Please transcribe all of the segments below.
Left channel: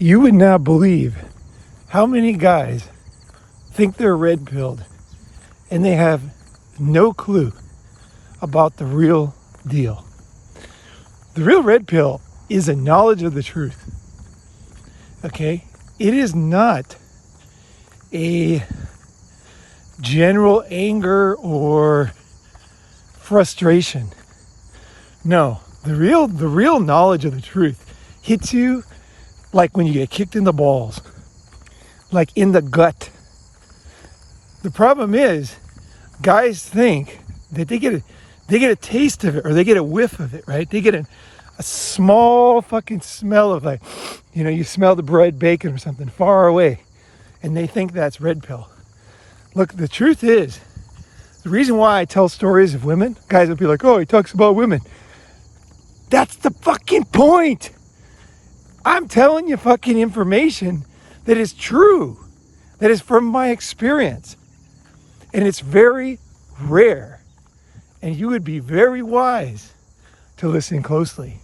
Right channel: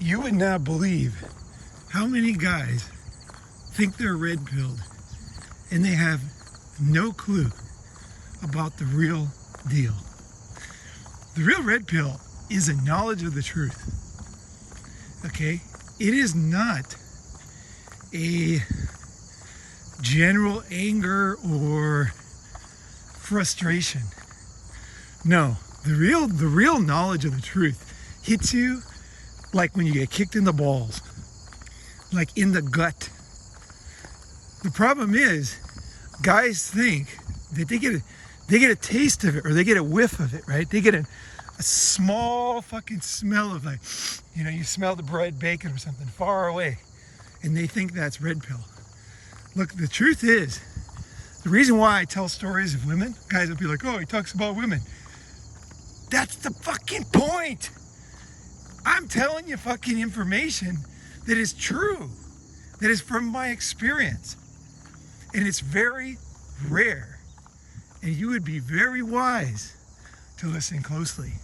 You would not believe how many guys think they're red-pilled and they have no clue about the real deal. The real red pill is a knowledge of the truth. Okay? It is not a general anger or frustration. No, the real knowledge of the truth hits you like when you get kicked in the balls, like in the gut. The problem is, guys think that they get a taste of it, or they get a whiff of it, right? They get a small fucking smell of, like, you smell the bread, bacon or something far away, and they think that's red pill. Look, the truth is, the reason why I tell stories of women, guys will be like, oh, he talks about women. That's the fucking point. I'm telling you fucking information that is true, that is from my experience. And it's very rare. And you would be very wise to listen closely.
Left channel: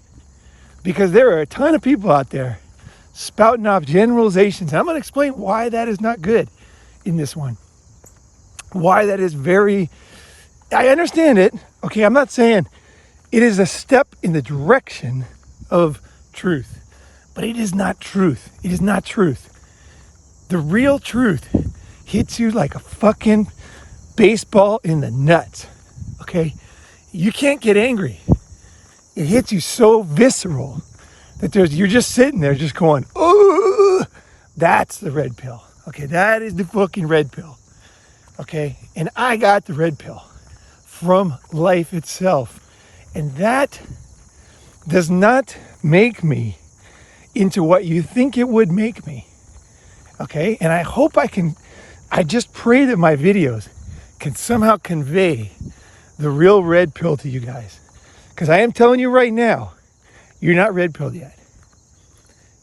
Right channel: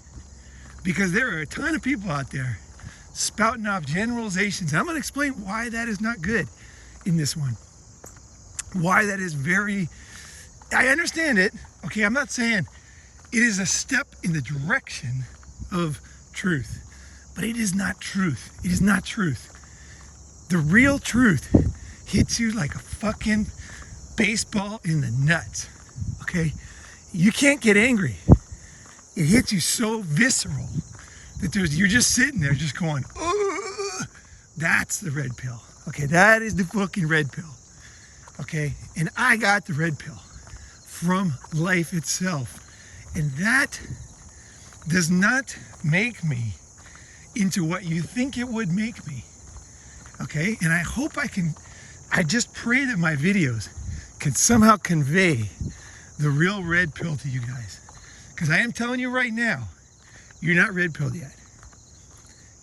Because there are a ton of people out there spouting off generalizations. And I'm going to explain why that is not good in this one. Why that is very... I understand it. Okay, I'm not saying it is a step in the direction of truth. But it is not truth. It is not truth. The real truth hits you like a fucking baseball in the nuts. Okay? You can't get angry. It hits you so visceral that you're just sitting there just going, oh, that's the red pill. Okay, that is the fucking red pill. Okay? And I got the red pill from life itself. And that does not make me into what you think it would make me. Okay? And I hope I just pray that my videos can somehow convey the real red pill to you guys. Because I am telling you right now, you're not red pilled yet.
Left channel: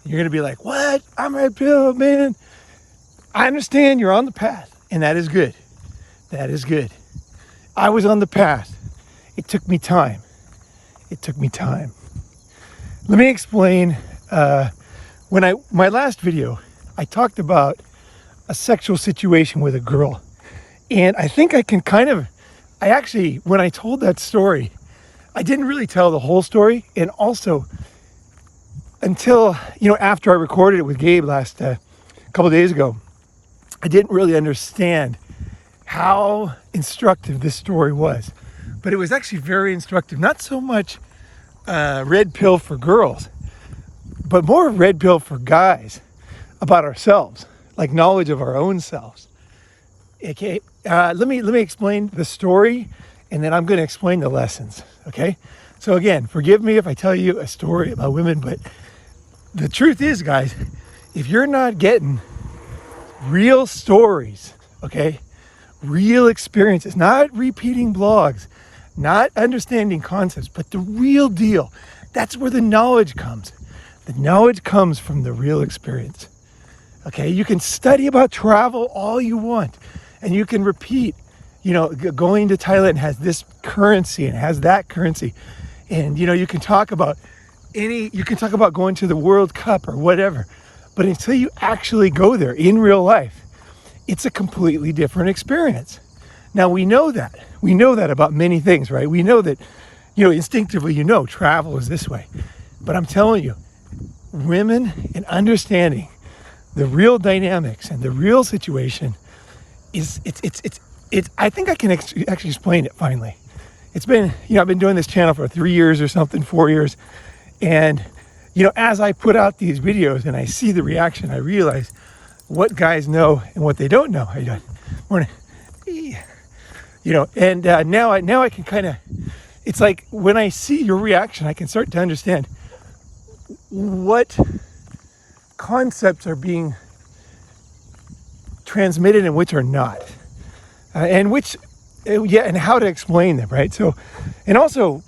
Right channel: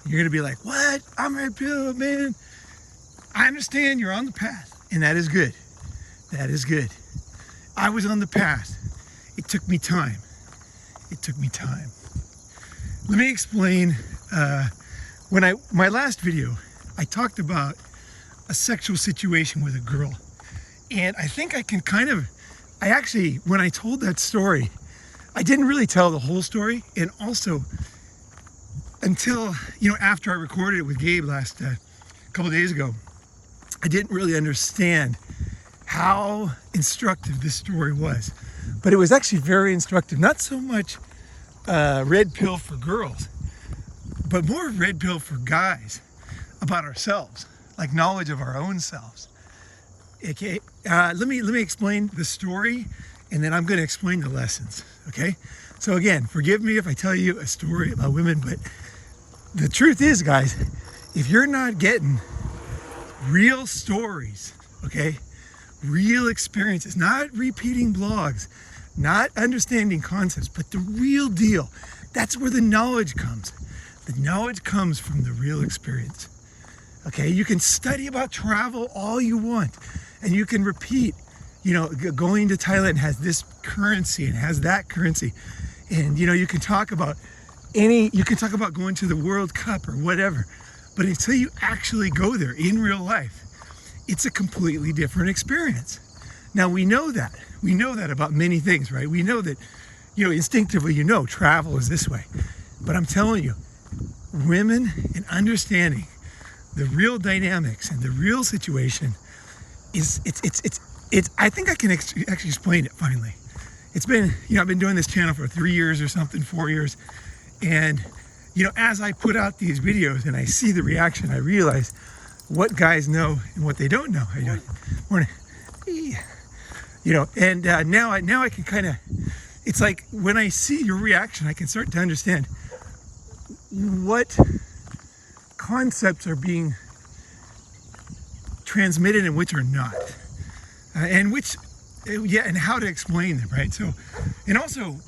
You're going to be like, what? I'm red pilled, man. I understand you're on the path, and that is good. That is good. I was on the path. It took me time. It took me time. Let me explain. My last video, I talked about a sexual situation with a girl. And I think I can when I told that story, I didn't really tell the whole story. And also, until, after I recorded it with Gabe last couple days ago, I didn't really understand how instructive this story was. But it was actually very instructive. Not so much red pill for girls, but more red pill for guys about ourselves, like knowledge of our own selves. Okay, let me explain the story, and then I'm going to explain the lessons. Okay, so again, forgive me if I tell you a story about women, but the truth is, guys, if you're not getting real stories, okay, real experiences, not repeating blogs, not understanding concepts, but the real deal, that's where the knowledge comes. The knowledge comes from the real experience. Okay, you can study about travel all you want, and you can repeat, going to Thailand has this currency and has that currency, and you can talk about going to the World Cup or whatever, but until you actually go there in real life, it's a completely different experience. Now we know that about many things, right? We know that, instinctively, travel is this way, but I'm telling you, women and understanding the real dynamics and the real situation it's I think I can actually explain it finally. It's been, I've been doing this channel for 3 years or something, 4 years. And, as I put out these videos and I see the reaction, I realize what guys know and what they don't know. How you doing? Morning. And now I can kind of, it's like when I see your reaction, I can start to understand what concepts are being transmitted and which are not, and how to explain them, right? So, and also,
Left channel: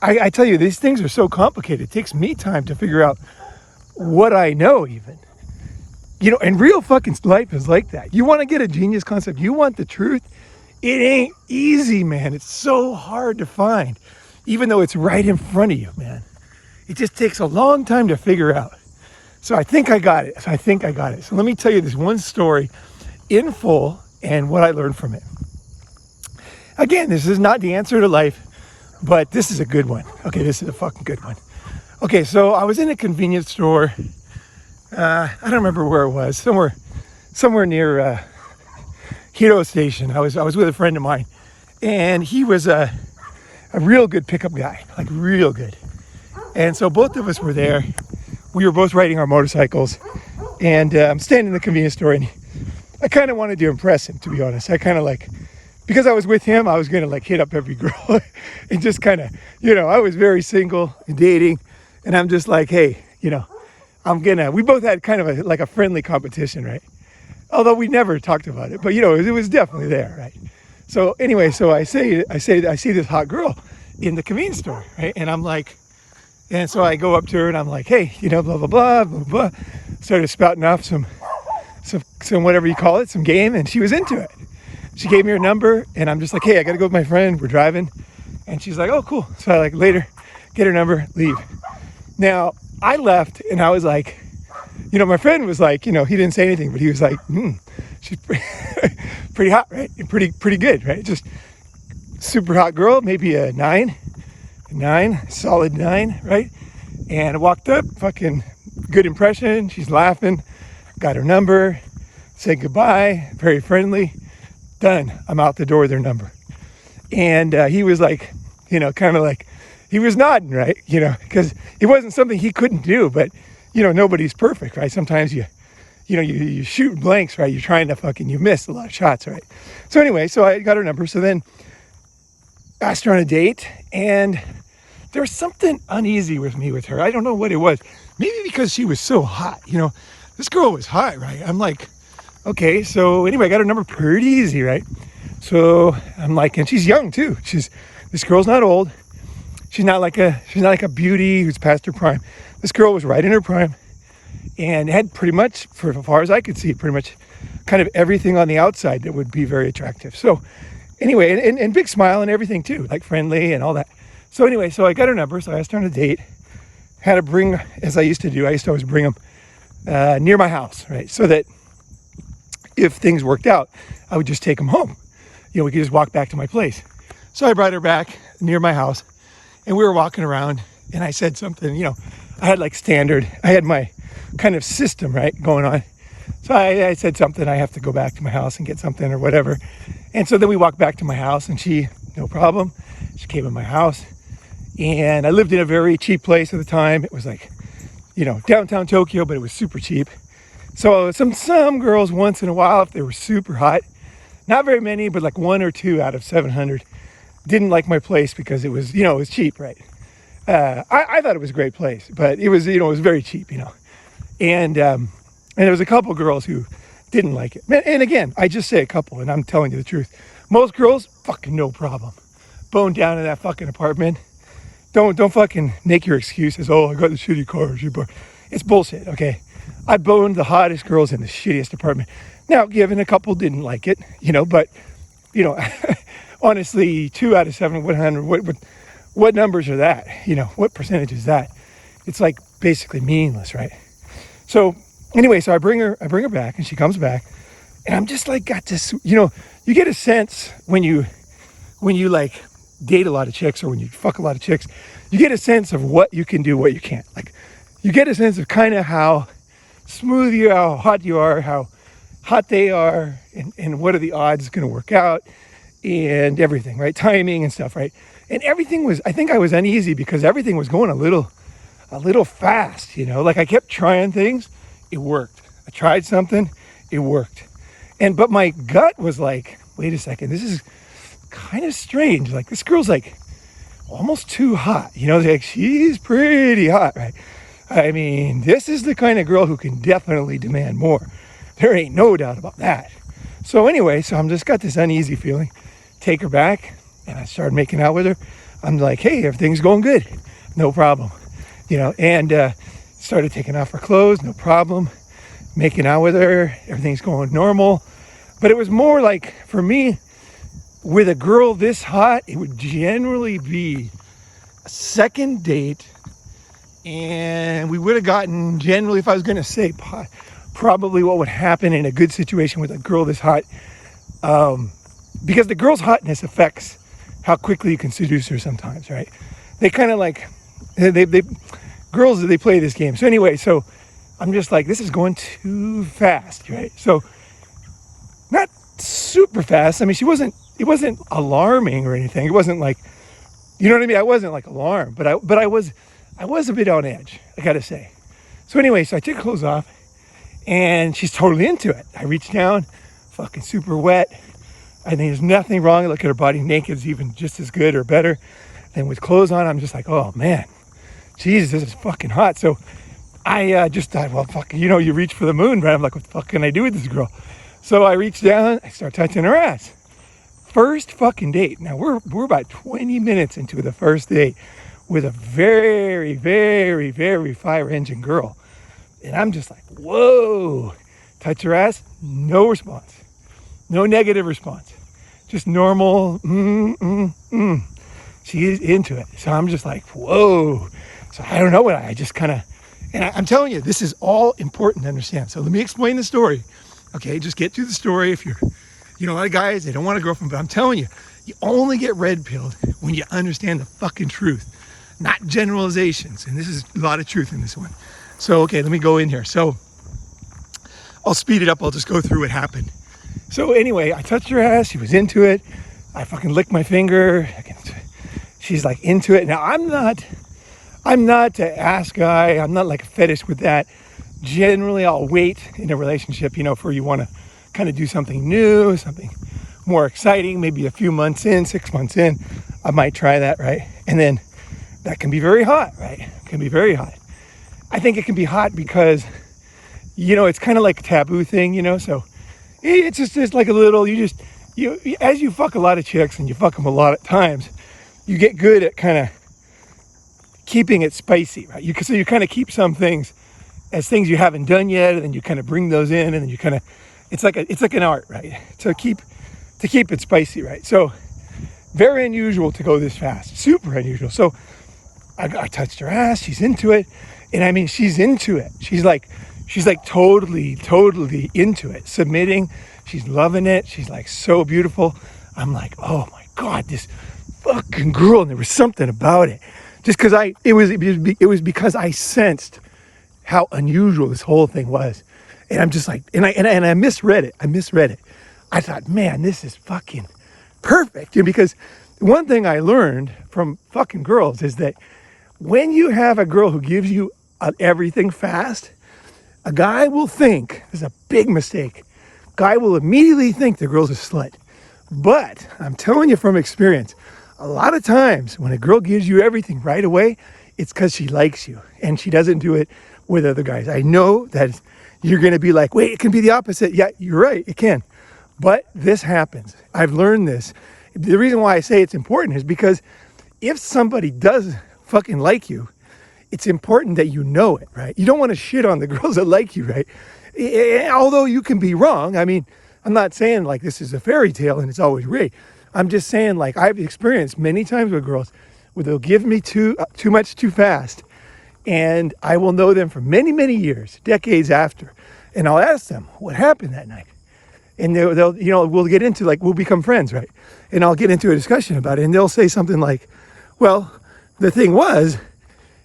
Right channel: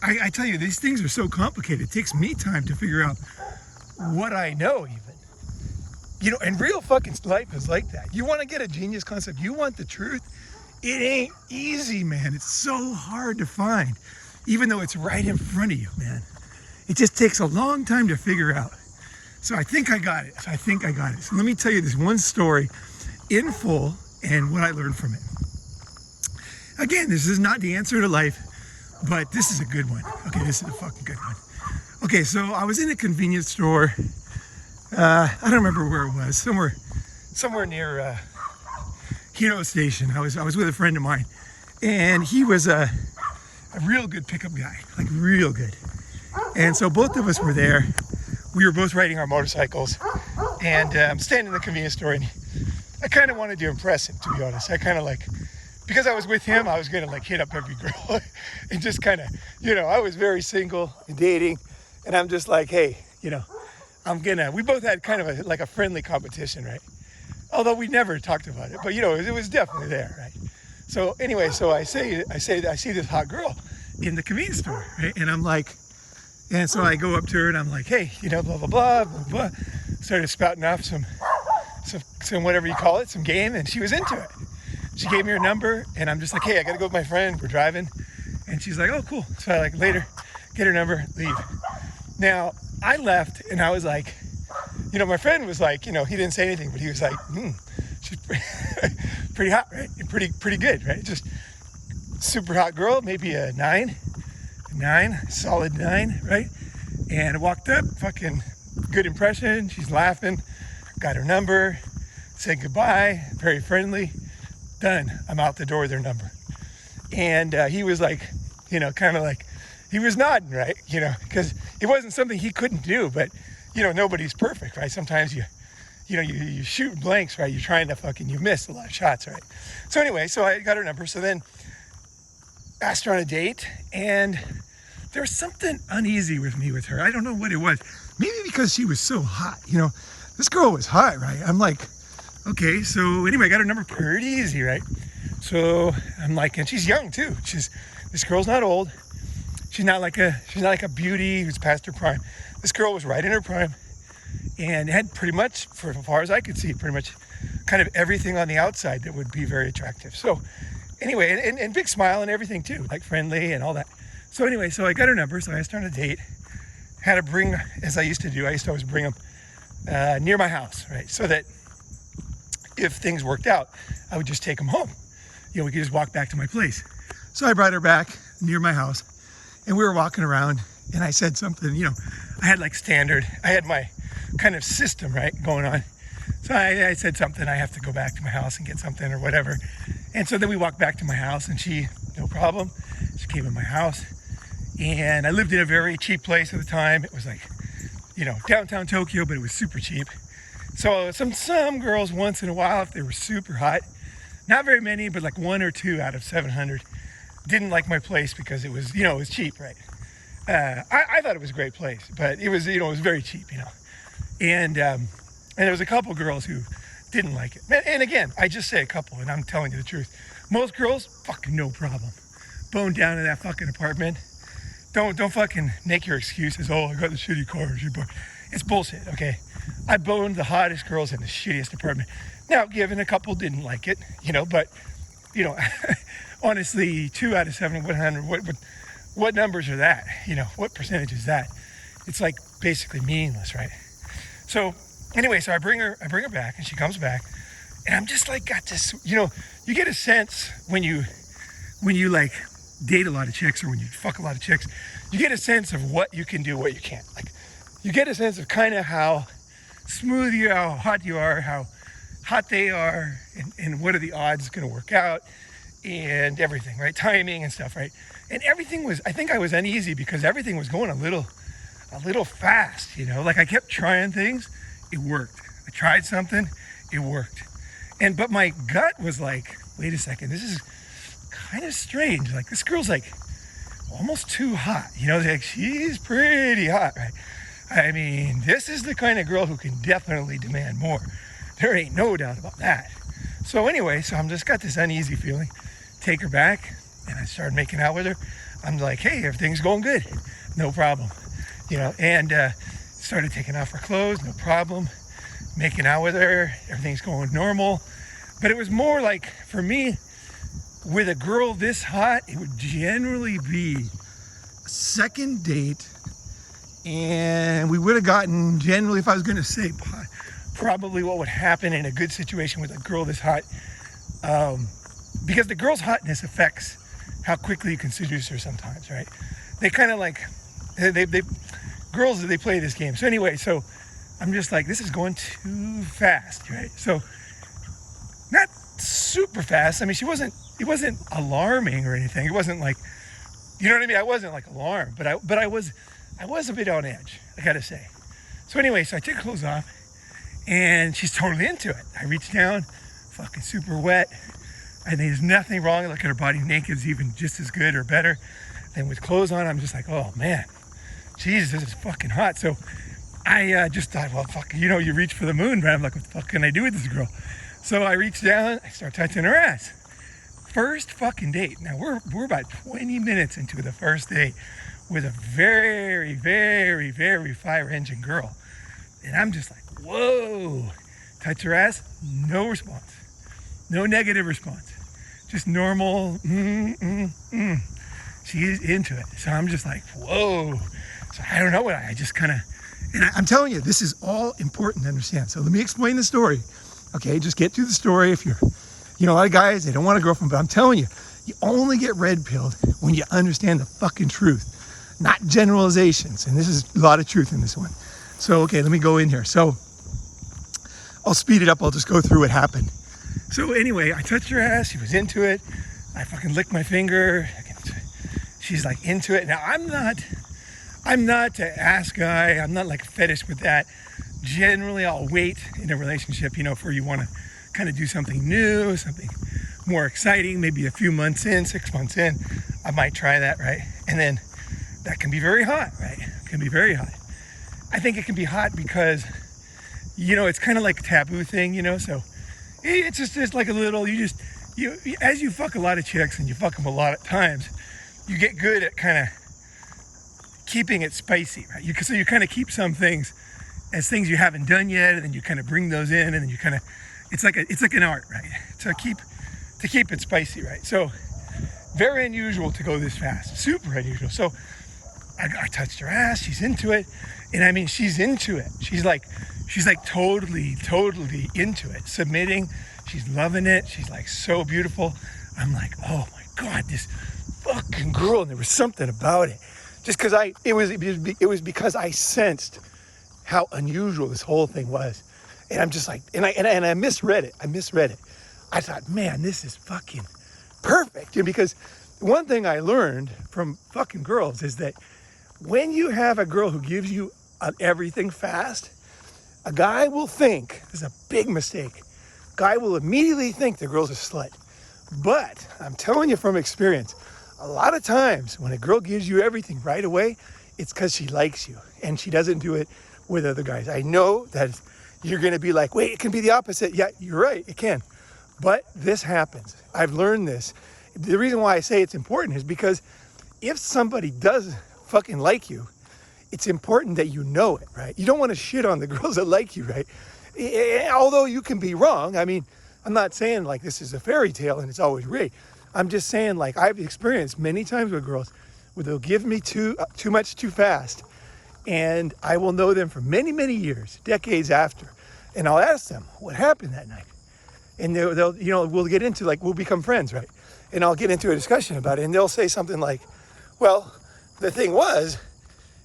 I tell you, these things are so complicated. It takes me time to figure out what I know, even. And real fucking life is like that. You want to get a genius concept, you want the truth, it ain't easy, man. It's so hard to find, even though it's right in front of you, man. It just takes a long time to figure out. So I think I got it. So let me tell you this one story in full and what I learned from it. Again, this is not the answer to life, but this is a good one. Okay, this is a fucking good one. Okay, so I was in a convenience store. I don't remember where it was. Somewhere near Hero Station. I was with a friend of mine, and he was a real good pickup guy, like real good. And so both of us were there. We were both riding our motorcycles, and I'm standing in the convenience store, and I kind of wanted to impress him, to be honest. I kind of like, because I was with him, I was gonna like hit up every girl and just kind of, I was very single and dating, and I'm just like, hey, we both had kind of like a friendly competition, right? Although we never talked about it, but it was definitely there, right? So anyway, so I see this hot girl in the convenience store, right? And I'm like, and so I go up to her and I'm like, hey, blah, blah, blah, blah, blah. Started spouting off some whatever you call it, some game, and she was into it. She gave me her number, and I'm just like, hey, I gotta go with my friend, we're driving. And she's like, oh, cool. So I like later get her number, leave. Now, I left and I was like, my friend was like, he didn't say anything, but he was like, she's pretty hot, right? And pretty good, right? Just super hot girl, maybe a solid 9, right? And I walked up, fucking good impression. She's laughing, got her number, said goodbye, very friendly. Done. I'm out the door with her number. And he was like, kind of like, he was nodding, right? Because it wasn't something he couldn't do, but nobody's perfect, right? Sometimes you shoot blanks, right? You're trying to you miss a lot of shots, right? So anyway, so I got her number. So then asked her on a date, and there was something uneasy with her. I don't know what it was. Maybe because she was so hot, this girl was hot, right? I'm like, okay, so anyway, I got her number pretty easy, right? So I'm like, and she's young too. This girl's not old. She's not like a beauty who's past her prime. This girl was right in her prime and had pretty much, for as far as I could see, pretty much kind of everything on the outside that would be very attractive. So anyway, and big smile and everything too, like friendly and all that. So anyway, so I got her number, so I asked her on a date. Had to bring, as I used to do, I used to always bring them near my house, right? So that if things worked out, I would just take them home. We could just walk back to my place. So I brought her back near my house, and we were walking around, and I said something, I had like standard, I had my kind of system, right, going on. So I said something, I have to go back to my house and get something or whatever. And so then we walked back to my house, and she, no problem, she came in my house. And I lived in a very cheap place at the time. It was like, downtown Tokyo, but it was super cheap. So some girls once in a while, if they were super hot, not very many, but like 1 or 2 out of 700 didn't like my place because it was, it was cheap, right? I thought it was a great place, but it was, it was very cheap, And there was a couple girls who didn't like it. And again, I just say a couple, and I'm telling you the truth. Most girls, fucking no problem. Bone down in that fucking apartment. Don't fucking make your excuses. Oh, I got the shitty car. It's bullshit, okay? I boned the hottest girls in the shittiest apartment. Now, given a couple didn't like it, but, honestly, 2 out of 700, what numbers are that? What percentage is that? It's like basically meaningless, right? So anyway, so I bring her back, and she comes back, and I'm just like, got this, you get a sense when you like date a lot of chicks, or when you fuck a lot of chicks, you get a sense of what you can do, what you can't. Like, you get a sense of kind of how smooth you are, how hot you are, how hot they are, and what are the odds going to work out, and everything, right? Timing and stuff, right? And everything was, I think I was uneasy because everything was going a little fast, like I kept trying things, it worked. I tried something, it worked. But my gut was like, wait a second, this is kind of strange. Like, this girl's like almost too hot, like she's pretty hot, right? I mean, this is the kind of girl who can definitely demand more. There ain't no doubt about that. So anyway, so I'm just got this uneasy feeling. Take her back, and I started making out with her. I'm like, hey, everything's going good. No problem. And started taking off her clothes, no problem. Making out with her, everything's going normal. But it was more like, for me, with a girl this hot, it would generally be a second date And we would have gotten, generally, if I was going to say probably what would happen in a good situation with a girl this hot, because the girl's hotness affects how quickly you can seduce her sometimes, right? They kind of like, girls, they play this game. So anyway, so I'm just like, this is going too fast, right? So not super fast. I mean, it wasn't alarming or anything. It wasn't like, you know what I mean? I wasn't like alarmed, but I was a bit on edge, I gotta say. So anyway, so I took clothes off and she's totally into it. I reached down, fucking super wet. I think there's nothing wrong. I look at her body naked, is even just as good or better than with clothes on. I'm just like, oh man, Jesus, this is fucking hot. So I just thought, well, fuck, you know, you reach for the moon, right? I'm like, what the fuck can I do with this girl? So I reached down, I start touching her ass. First fucking date. Now we're about 20 minutes into the first date with a very, very, very fire engine girl. And I'm just like, whoa. Touch her ass, no response. No negative response. Just normal, She is into it. So I'm just like, whoa. So I don't know what I just kind of, and I'm telling you, this is all important to understand. So let me explain the story. Okay, just get through the story. If you're, you know, a lot of guys, they don't want a girlfriend, but I'm telling you, you only get red pilled when you understand the fucking truth, not generalizations. And this is a lot of truth in this one. So, okay, let me go in here. So I'll speed it up. I'll just go through what happened. So anyway, I touched her ass. She was into it. I fucking licked my finger. She's like into it. Now I'm not an ass guy. I'm not like a fetish with that. Generally, I'll wait in a relationship, you know, for you want to kind of do something new, something more exciting, maybe a few months in, 6 months in, I might try that, right? And then that can be very hot, right? It can be very hot. I think it can be hot because, you know, it's kind of like a taboo thing, you know, so it's just like a little, you as you fuck a lot of chicks and you fuck them a lot of times, you get good at kind of keeping it spicy, right? So you kind of keep some things as things you haven't done yet, and then you kind of bring those in, and then you kind of, it's like an art, right? To keep it spicy, right? So very unusual to go this fast, super unusual. So I touched her ass, she's into it, and I mean, she's into it. She's like totally into it, submitting. She's loving it. She's like so beautiful. I'm like, oh my God, this fucking girl. And there was something about it, just because it was because I sensed how unusual this whole thing was. And I'm just like, and I misread it. I thought, man, this is fucking perfect. And because one thing I learned from fucking girls is that when you have a girl who gives you everything fast, a guy will think, this is a big mistake, guy will immediately think the girl's a slut. But I'm telling you from experience, a lot of times when a girl gives you everything right away, it's because she likes you, and she doesn't do it with other guys. I know that you're going to be like, wait, it can be the opposite. Yeah, you're right, it can. But this happens. I've learned this. The reason why I say it's important is because if somebody does fucking like you, it's important that you know it, right? You don't want to shit on the girls that like you, right? Although you can be wrong. I mean, I'm not saying like this is a fairy tale and it's always great. I'm just saying, like, I've experienced many times with girls where they'll give me too much too fast, and I will know them for many, many years, decades after, and I'll ask them what happened that night, and they'll you know, we'll get into, like, we'll become friends, right? And I'll get into a discussion about it, and they'll say something like, well, the thing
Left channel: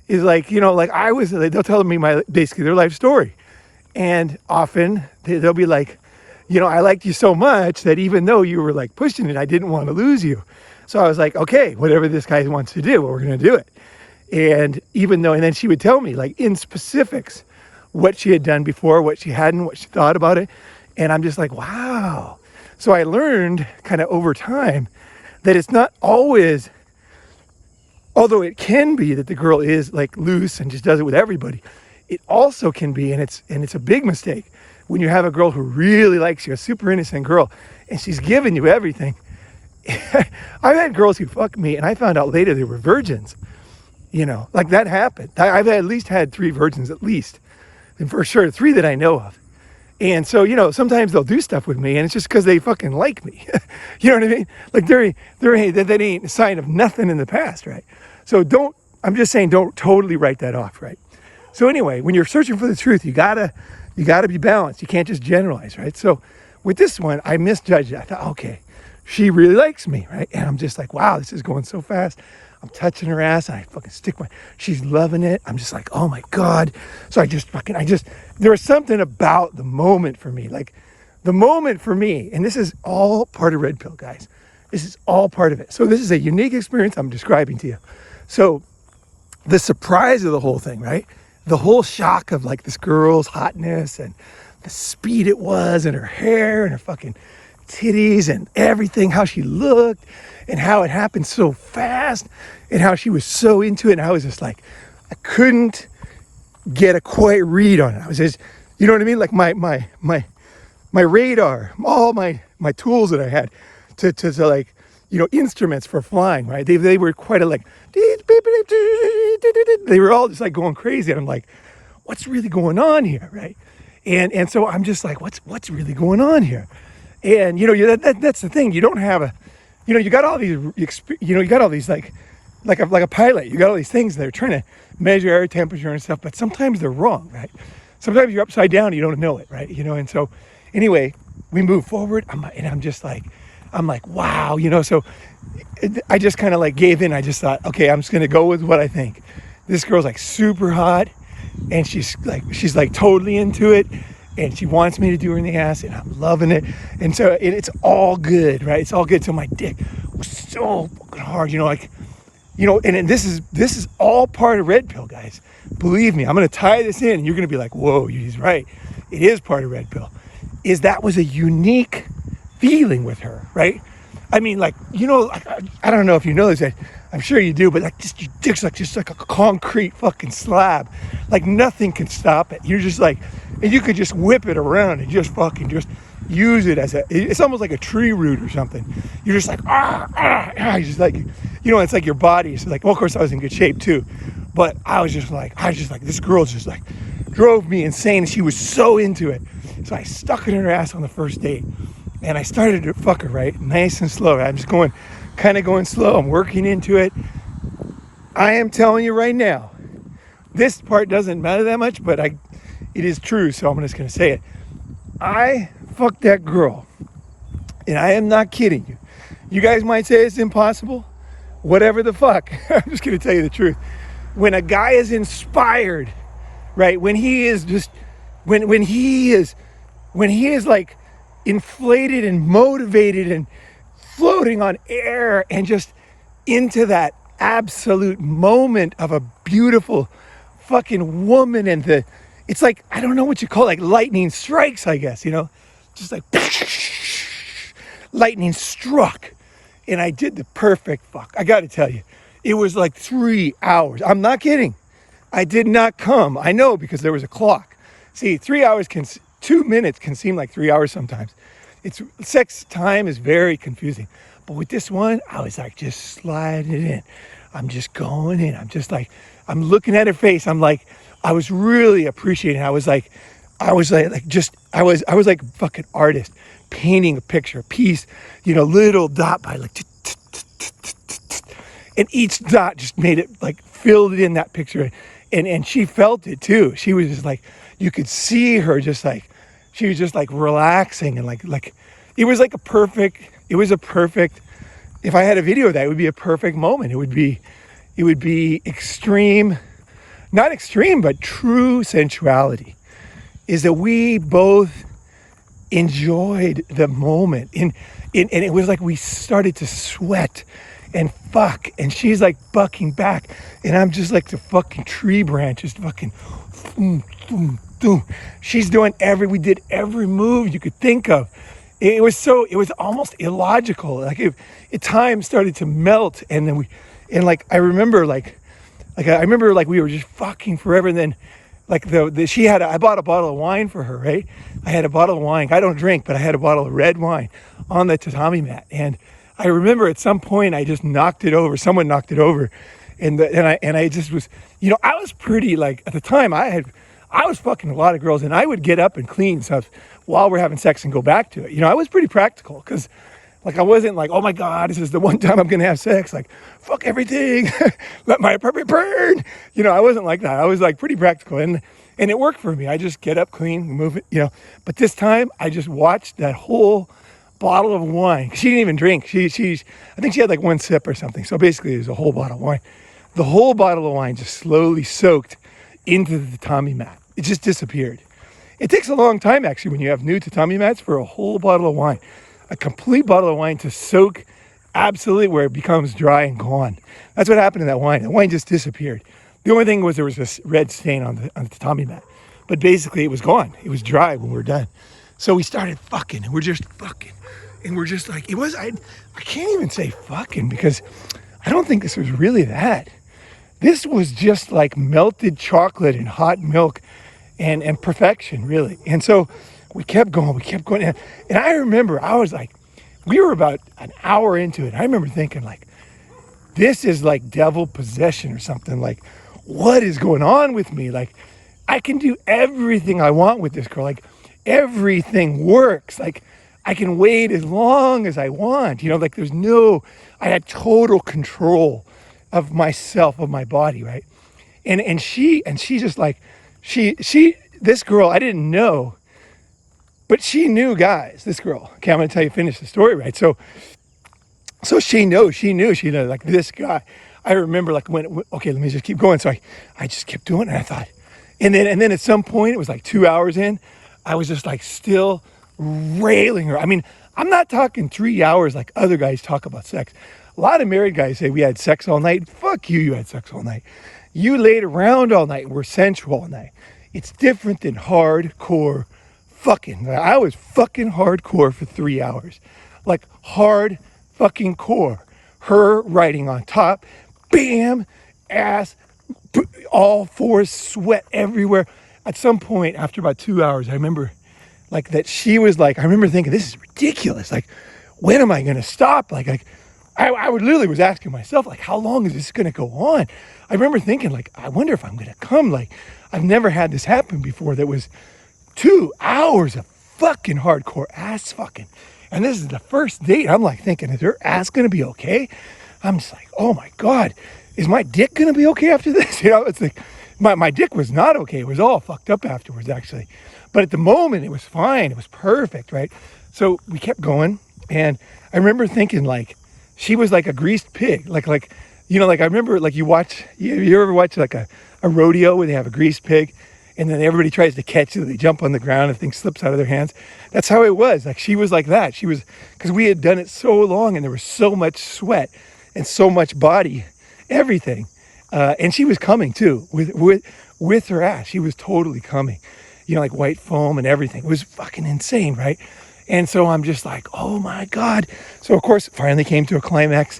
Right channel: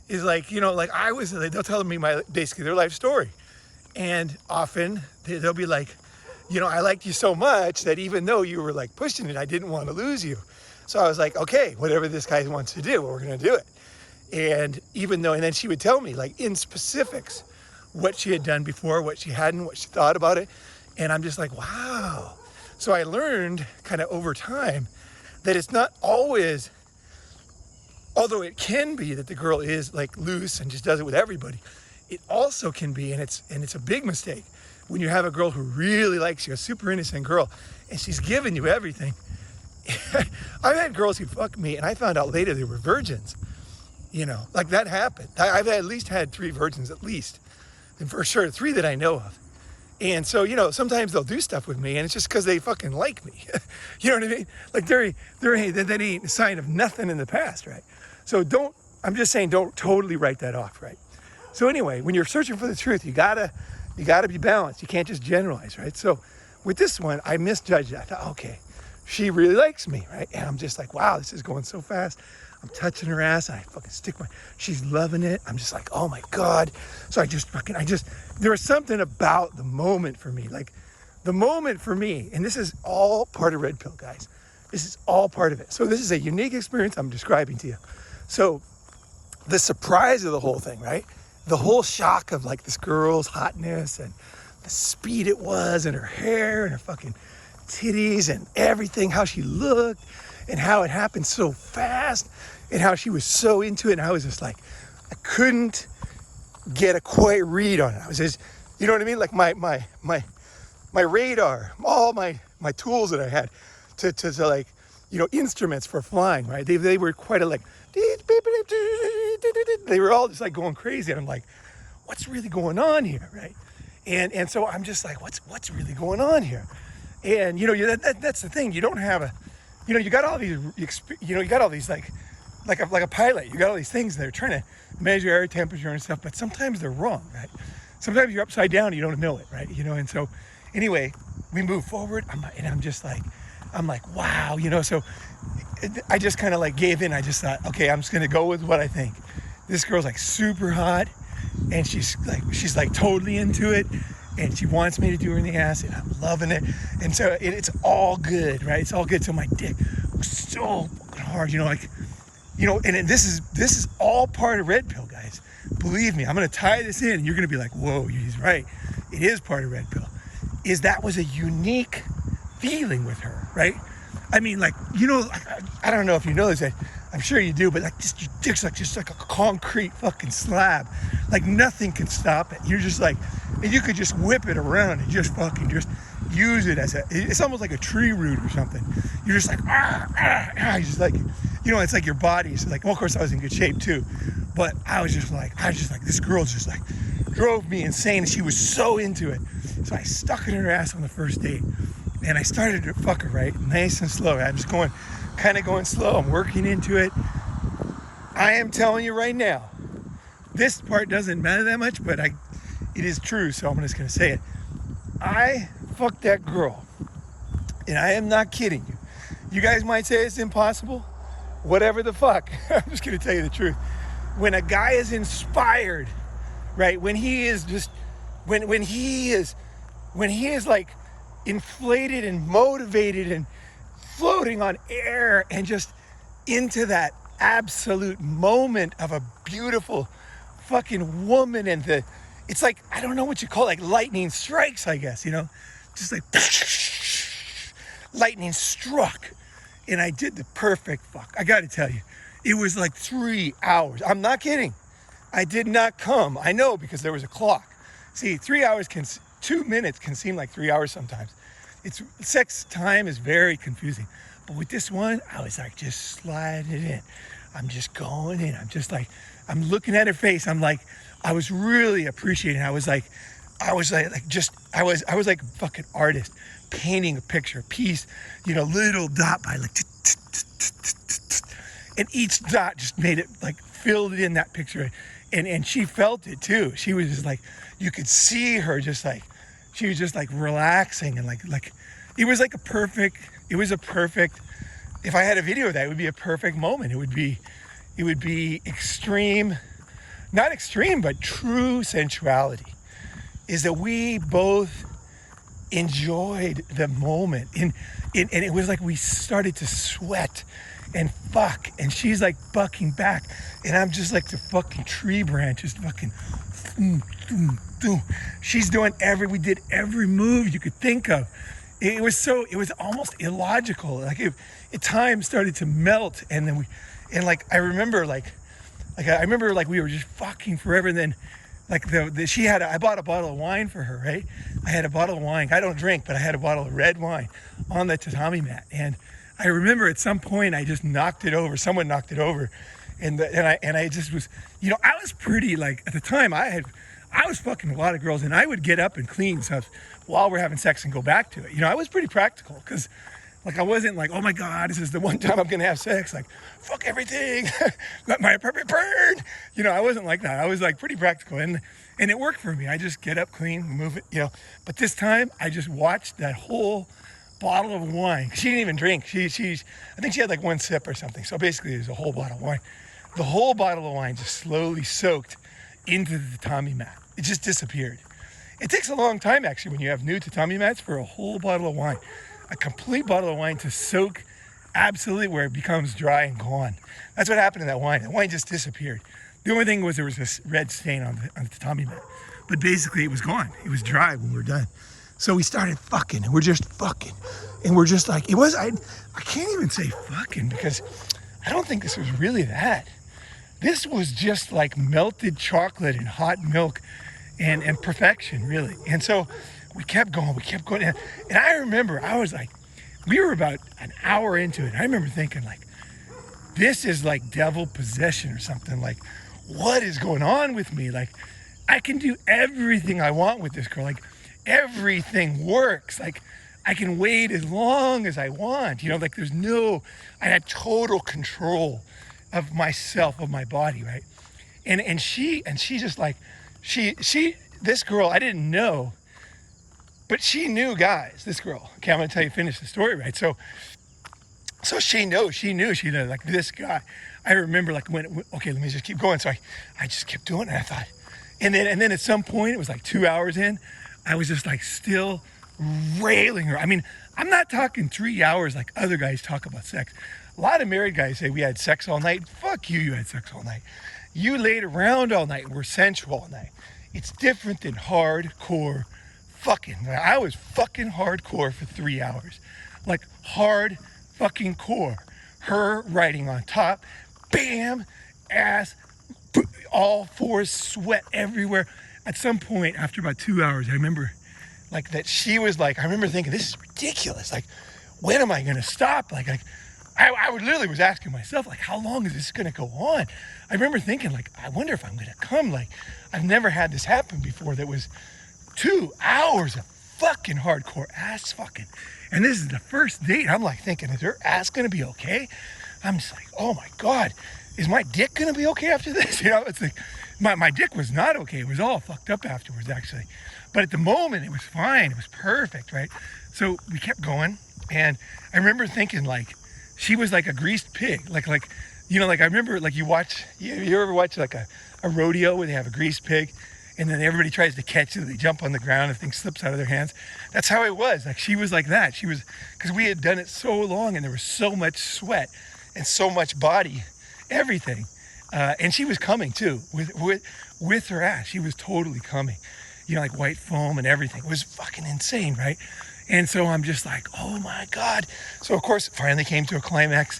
is like, you know, like they'll tell me basically their life story, and often they'll be like, you know, I liked you so much that even though you were like pushing it, I didn't want to lose you. So I was like, okay, whatever this guy wants to do, we're going to do it. And even though, and then she would tell me like in specifics what she had done before, what she hadn't, what she thought about it. And I'm just like, wow. So I learned kind of over time that it's not always, although it can be that the girl is like loose and just does it with everybody, it also can be, and it's a big mistake, when you have a girl who really likes you, a super innocent girl, and she's giving you everything. I've had girls who fucked me, and I found out later they were virgins. You know, like that happened. I've at least had 3 virgins, at least. And for sure, 3 that I know of. And so, you know, sometimes they'll do stuff with me, and it's just because they fucking like me. You know what I mean? Like, that ain't a sign of nothing in the past, right? So don't I'm just saying, don't totally write that off, right? So anyway, when you're searching for the truth, you gotta be balanced. You can't just generalize, right? So with this one, I misjudged it. I thought, okay, she really likes me, right? And I'm just like, wow, this is going so fast. I'm touching her ass and I fucking she's loving it. I'm just like, oh my God. So there was something about the moment for me, like the moment for me, and this is all part of Red Pill, guys. This is all part of it. So this is a unique experience I'm describing to you. So the surprise of the whole thing, right? The whole shock of like this girl's hotness and the speed it was and her hair and her fucking titties and everything, how she looked and how it happened so fast and how she was so into it. And I was just like, I couldn't get a quite read on it. I was just, you know what I mean? Like my radar, all my tools that I had to like, you know, instruments for flying, right? They were quite a like, they were all just like going crazy. And I'm like, what's really going on here, right? And so I'm just like, what's really going on here? And you know, that's the thing. You don't have a, you know, you got all these, you got all these like a pilot. You got all these things that are trying to measure air temperature and stuff, but sometimes they're wrong, right? Sometimes you're upside down and you don't know it, right? You know, and so anyway, we move forward, and I'm like, wow, you know. So I just kind of like gave in. I just thought, okay, I'm just gonna go with what I think. This girl's like super hot, and she's like totally into it, and she wants me to do her in the ass, and I'm loving it. And so it's all good, right? It's all good. So my dick was so fucking hard, you know, like, you know. And this is all part of Red Pill, guys. Believe me, I'm gonna tie this in, and you're gonna be like, whoa, he's right. It is part of Red Pill. That was a unique feeling with her, right? I mean, like, you know, I don't know if you know this, I'm sure you do, but like just your dick's like just like a concrete fucking slab. Like nothing can stop it. You're just like, and you could just whip it around and just fucking just use it as it's almost like a tree root or something. You're just like, you're just like, you know, it's like your body is like, well, of course I was in good shape too, but I was just like, this girl just like drove me insane. She was so into it. So I stuck it in her ass on the first date. And I started to fuck her, right? Nice and slow. I'm just going slow. I'm working into it. I am telling you right now, this part doesn't matter that much, but it is true, so I'm just going to say it. I fucked that girl, and I am not kidding you. You guys might say it's impossible. Whatever the fuck. I'm just going to tell you the truth. When a guy is inspired, right? When he is just, when he is like inflated and motivated and floating on air and just into that absolute moment of a beautiful fucking woman, and it's like, I don't know what you call it, like lightning strikes, I guess, you know, just like lightning struck, and I did the perfect fuck. I gotta tell you, it was like 3 hours. I'm not kidding. I did not come. I know, because there was a clock. See, 3 hours 2 minutes can seem like 3 hours sometimes. Sex time is very confusing. But with this one, I was like just sliding it in. I'm just going in. I'm just like, I'm looking at her face. I'm like, I was really appreciating it. I was like a fucking artist painting a picture, a piece, you know, little dot by like, and each dot just made it like, filled it in that picture. And she felt it too. She was just like, you could see her just like, she was just like relaxing, and like it was like a perfect, if I had a video of that, it would be a perfect moment. It would be extreme, not extreme, but true sensuality, is that we both enjoyed the moment. And it was like we started to sweat and fuck, and she's like bucking back, and I'm just like the fucking tree branch, just fucking boom, boom, boom. She's doing we did every move you could think of. It was almost illogical. Like at times started to melt, and then I remember we were just fucking forever, and then like I bought a bottle of wine for her, right? I had a bottle of wine. I don't drink, but I had a bottle of red wine on the tatami mat, and I remember at some point I just knocked it over. Someone knocked it over, and I just was, you know, I was pretty, like, at the time I was fucking a lot of girls, and I would get up and clean stuff while we're having sex and go back to it. You know, I was pretty practical, because Like, I wasn't like, oh my God, this is the one time I'm gonna have sex. Like, fuck everything, let my apartment burn. You know, I wasn't like that. I was like pretty practical, and it worked for me. I just get up, clean, move it, you know. But this time, I just watched that whole bottle of wine. She didn't even drink. I think she had like one sip or something. So basically, it was a whole bottle of wine. The whole bottle of wine just slowly soaked into the tatami mat. It just disappeared. It takes a long time, actually, when you have new tatami mats, for a whole bottle of wine, a complete bottle of wine to soak absolutely where it becomes dry and gone. That's what happened to that wine. That wine just disappeared. The only thing was there was this red stain on the tatami mat. But basically, it was gone. It was dry when we were done. So we started fucking, and we're just fucking. And we're just like, I can't even say fucking, because I don't think this was really that. This was just like melted chocolate and hot milk and perfection, really. And so we kept going. And I remember, I was like, we were about an hour into it. I remember thinking, like, this is like devil possession or something. Like, what is going on with me? Like, I can do everything I want with this girl. Like, everything works. Like, I can wait as long as I want. You know, like, I had total control of myself, of my body, right? And she just like, this girl, I didn't know, but she knew guys, this girl. Okay, I'm gonna tell you, finish the story, right? So she knew, like, this guy. I remember, like, okay, let me just keep going. So I just kept doing it, and I thought, and then at some point, it was like 2 hours in, I was just like still railing her. I mean, I'm not talking 3 hours like other guys talk about sex. A lot of married guys say we had sex all night. Fuck you, you had sex all night. You laid around all night, we're sensual all night. It's different than hardcore fucking. I was fucking hardcore for 3 hours. Like, hard fucking core. Her riding on top, bam, ass, all fours, sweat everywhere. At some point, after about 2 hours, I remember like that she was like, I remember thinking, this is ridiculous. Like, when am I gonna stop? Like I would literally was asking myself, like, how long is this gonna go on? I remember thinking, like, I wonder if I'm gonna come. Like, I've never had this happen before. That was 2 hours of fucking hardcore ass fucking. And this is the first date. I'm like thinking, is her ass gonna be okay? I'm just like, oh my God, is my dick gonna be okay after this? You know, it's like, my dick was not okay. It was all fucked up afterwards, actually. But at the moment, it was fine. It was perfect, right? So we kept going. And I remember thinking, like, she was like a greased pig. Like, you know, like, I remember, like, you ever watch like a rodeo where they have a greased pig and then everybody tries to catch it. They jump on the ground and the thing slips out of their hands. That's how it was. Like, she was like that. She was, because we had done it so long and there was so much sweat and so much body, everything. And she was coming too with her ass. She was totally coming, you know, like white foam and everything. It was fucking insane, right? And so I'm just like, oh my God. So of course, it finally came to a climax,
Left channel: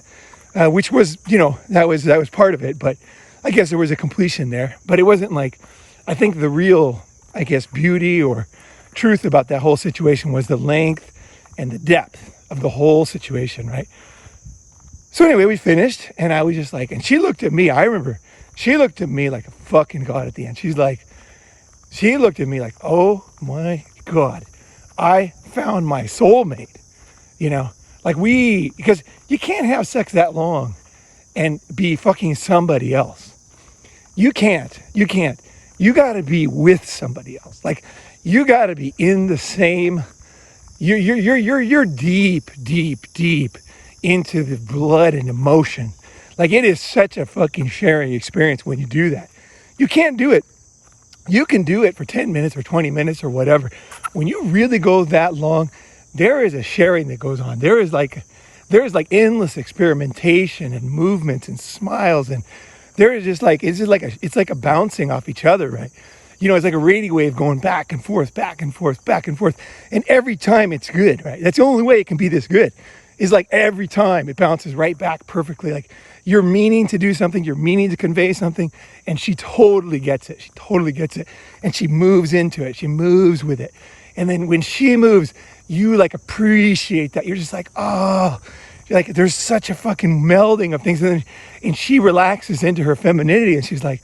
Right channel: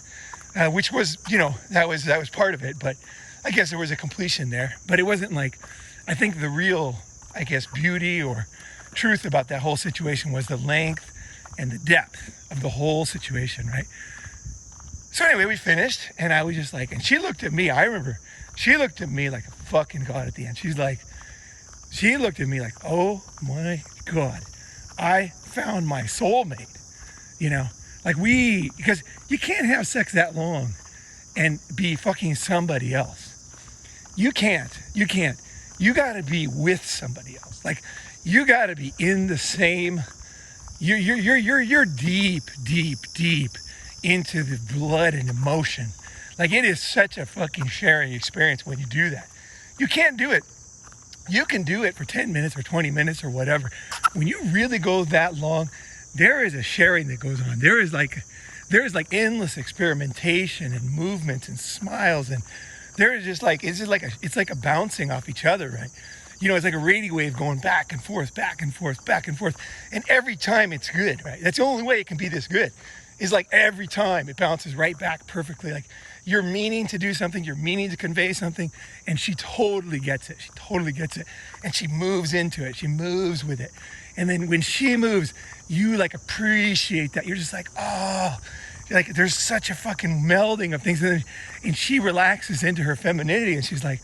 which was, you know, that was part of it. But I guess there was a completion there. But it wasn't like, I think the real, I guess, beauty or truth about that whole situation was the length and the depth of the whole situation, right? So anyway, we finished, and I was just like, and she looked at me. I remember she looked at me like a fucking God at the end. She looked at me like, oh my God, I found my soulmate. You know, like, because you can't have sex that long and be fucking somebody else. You can't. You got to be with somebody else. Like, you got to be in the same. You're deep into the blood and emotion. Like, it is such a fucking sharing experience when you do that. You can't do it. You can do it for 10 minutes or 20 minutes or whatever. When you really go that long, there is a sharing that goes on. There is like endless experimentation and movements and smiles, and there is just like, it's like a bouncing off each other, right? You know, it's like a radio wave going back and forth, back and forth, back and forth. And every time it's good, right? That's the only way it can be this good. Is like every time it bounces right back perfectly. Like, you're meaning to do something, you're meaning to convey something, and she totally gets it. She totally gets it. And she moves into it. She moves with it. And then when she moves, you like appreciate that. You're just like, oh, like, there's such a fucking melding of things. And she relaxes into her femininity, and she's like,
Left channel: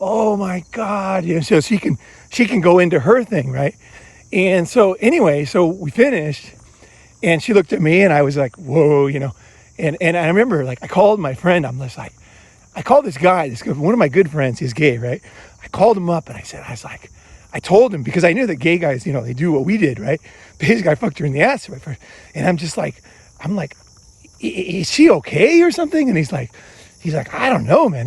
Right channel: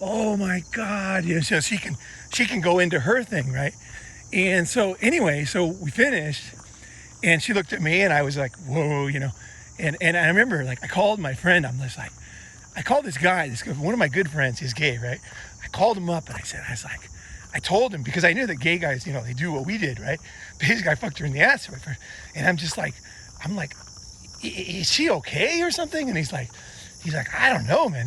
oh my God. You know, so she can go into her thing, right? And so anyway, so we finished. And she looked at me and I was like, whoa, and I remember like I called my friend. I'm just like, I called this guy, one of my good friends, he's gay, right? I called him up and I told him, because I knew that gay guys, they do what we did, right? But his guy fucked her in the ass, right? And I'm like, is she okay or something? And he's like, I don't know, man.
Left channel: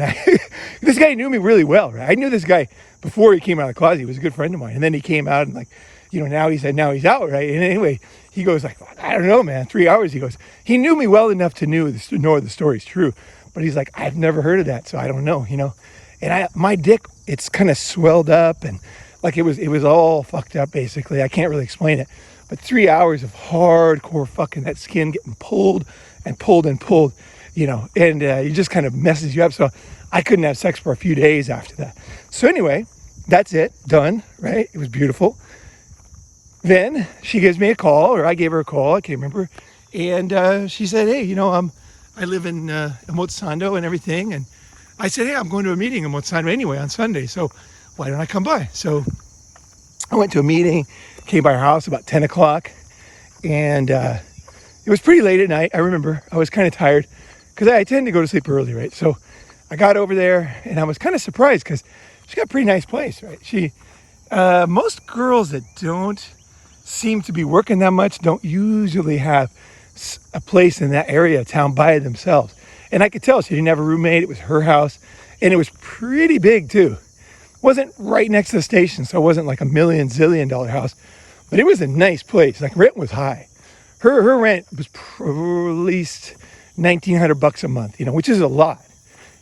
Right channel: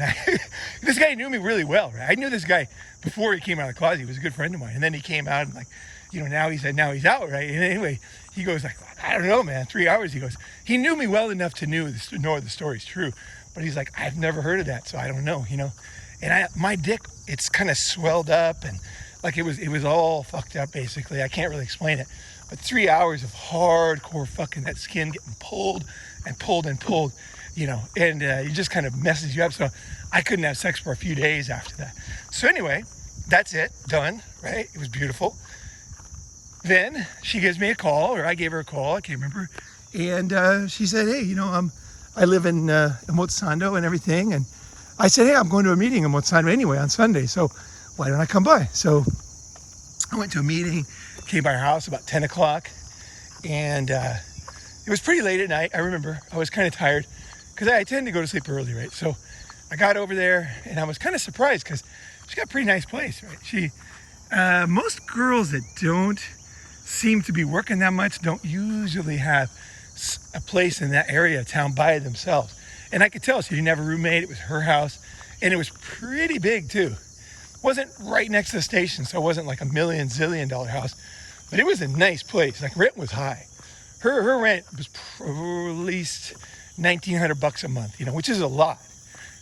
This guy knew me really well, right? I knew this guy before he came out of the closet. He was a good friend of mine. And then he came out and like, now he's out, right? And anyway, he goes like, I don't know, man, 3 hours. He goes, he knew me well enough to know the story's true. But he's like, I've never heard of that, so I don't know, And my dick, it's kind of swelled up and like it was all fucked up, basically. I can't really explain it. But 3 hours of hardcore fucking, that skin getting pulled and pulled and pulled, and it just kind of messes you up. So I couldn't have sex for a few days after that. So anyway, that's it, done, right? It was beautiful. Then she gives me a call, or I gave her a call, I can't remember. And she said, hey, I live in Motsando and everything. And I said, hey, I'm going to a meeting in Motsando anyway on Sunday. So why don't I come by? So I went to a meeting, came by her house about 10 o'clock. And it was pretty late at night. I remember I was kind of tired because I tend to go to sleep early, right? So I got over there and I was kind of surprised because she got a pretty nice place, right? Most girls that don't seem to be working that much don't usually have a place in that area of town by themselves. And I could tell she didn't have a roommate. It was her house and it was pretty big too. It wasn't right next to the station, so it wasn't like $1 million zillion house, but it was a nice place. Like rent was high. Her rent was at least $1,900 a month, which is a lot.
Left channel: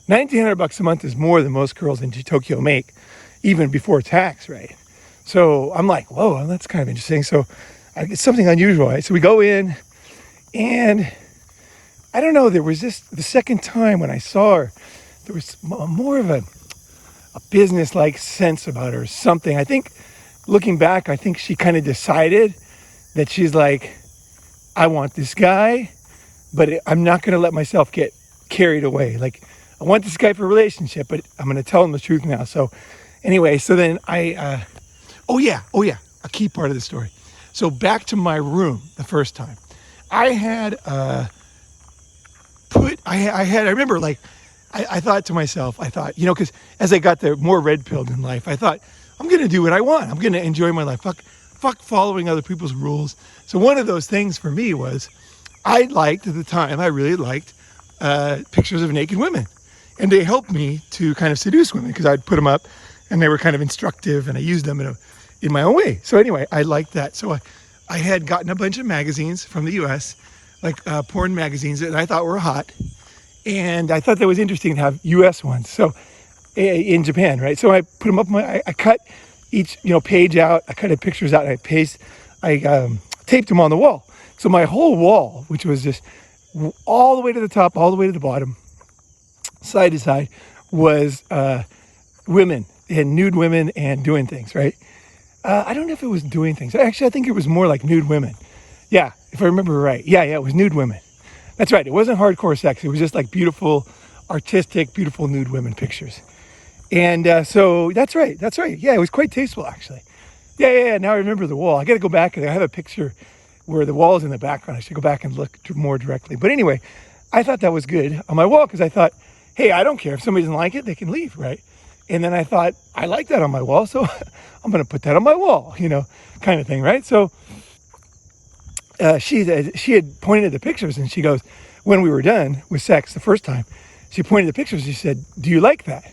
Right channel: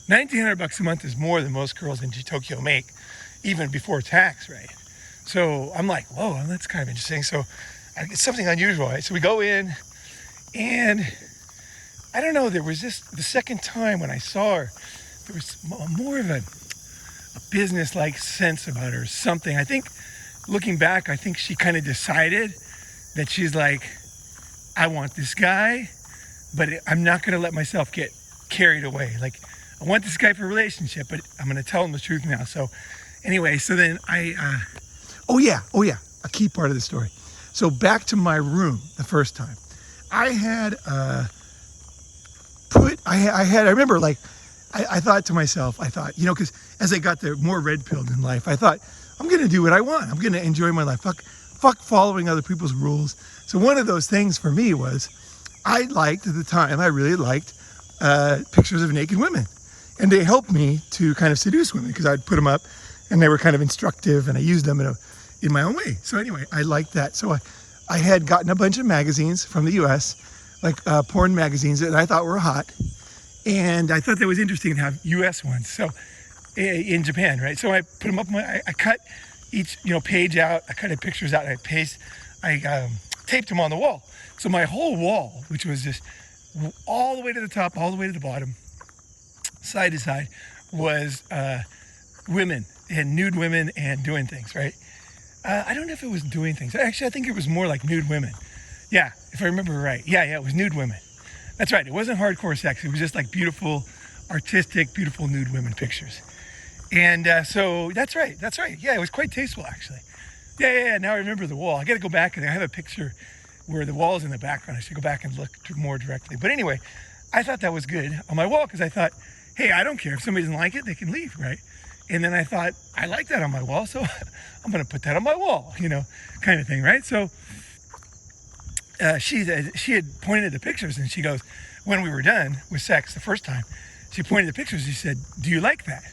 $1,900 a month is more than most girls in Tokyo make, even before tax, right? So I'm like, whoa, that's kind of interesting. So it's something unusual, right? So we go in, and I don't know, there was the second time when I saw her, there was more of a business-like sense about her or something. I think, looking back, I think she kind of decided that she's like, I want this guy, but I'm not going to let myself get carried away. Like, I want this guy for a relationship, but I'm going to tell him the truth now. So anyway, so then oh yeah, a key part of the story. So back to my room the first time. I had I remember like, I thought to myself, because as I got more red-pilled in life, I thought, I'm going to do what I want. I'm going to enjoy my life. Fuck following other people's rules. So one of those things for me was, I really liked pictures of naked women. And they helped me to kind of seduce women because I'd put them up and they were kind of instructive and I used them in my own way. So anyway, I liked that. So I had gotten a bunch of magazines from the US, like porn magazines that I thought were hot. And I thought that was interesting to have US ones. So in Japan, right? So I put them up, I cut each page out, I cut the pictures out, and I taped them on the wall. So my whole wall, which was just all the way to the top, all the way to the bottom, side to side, was women, and nude women and doing things, right? I don't know if it was doing things. Actually, I think it was more like nude women. Yeah, if I remember right. Yeah, it was nude women. That's right. It wasn't hardcore sex. It was just like beautiful, artistic, beautiful nude women pictures. And so that's right. Yeah, it was quite tasteful, actually. Yeah. Now I remember the wall. I got to go back. I have a picture where the wall is in the background. I should go back and look more directly. But anyway, I thought that was good on my wall because I thought, hey, I don't care. If somebody doesn't like it, they can leave, right? And then I thought, I like that on my wall, so I'm going to put that on my wall, kind of thing, right? So she had pointed at the pictures, and she goes, when we were done with sex the first time, she pointed at the pictures. She said, do you like that?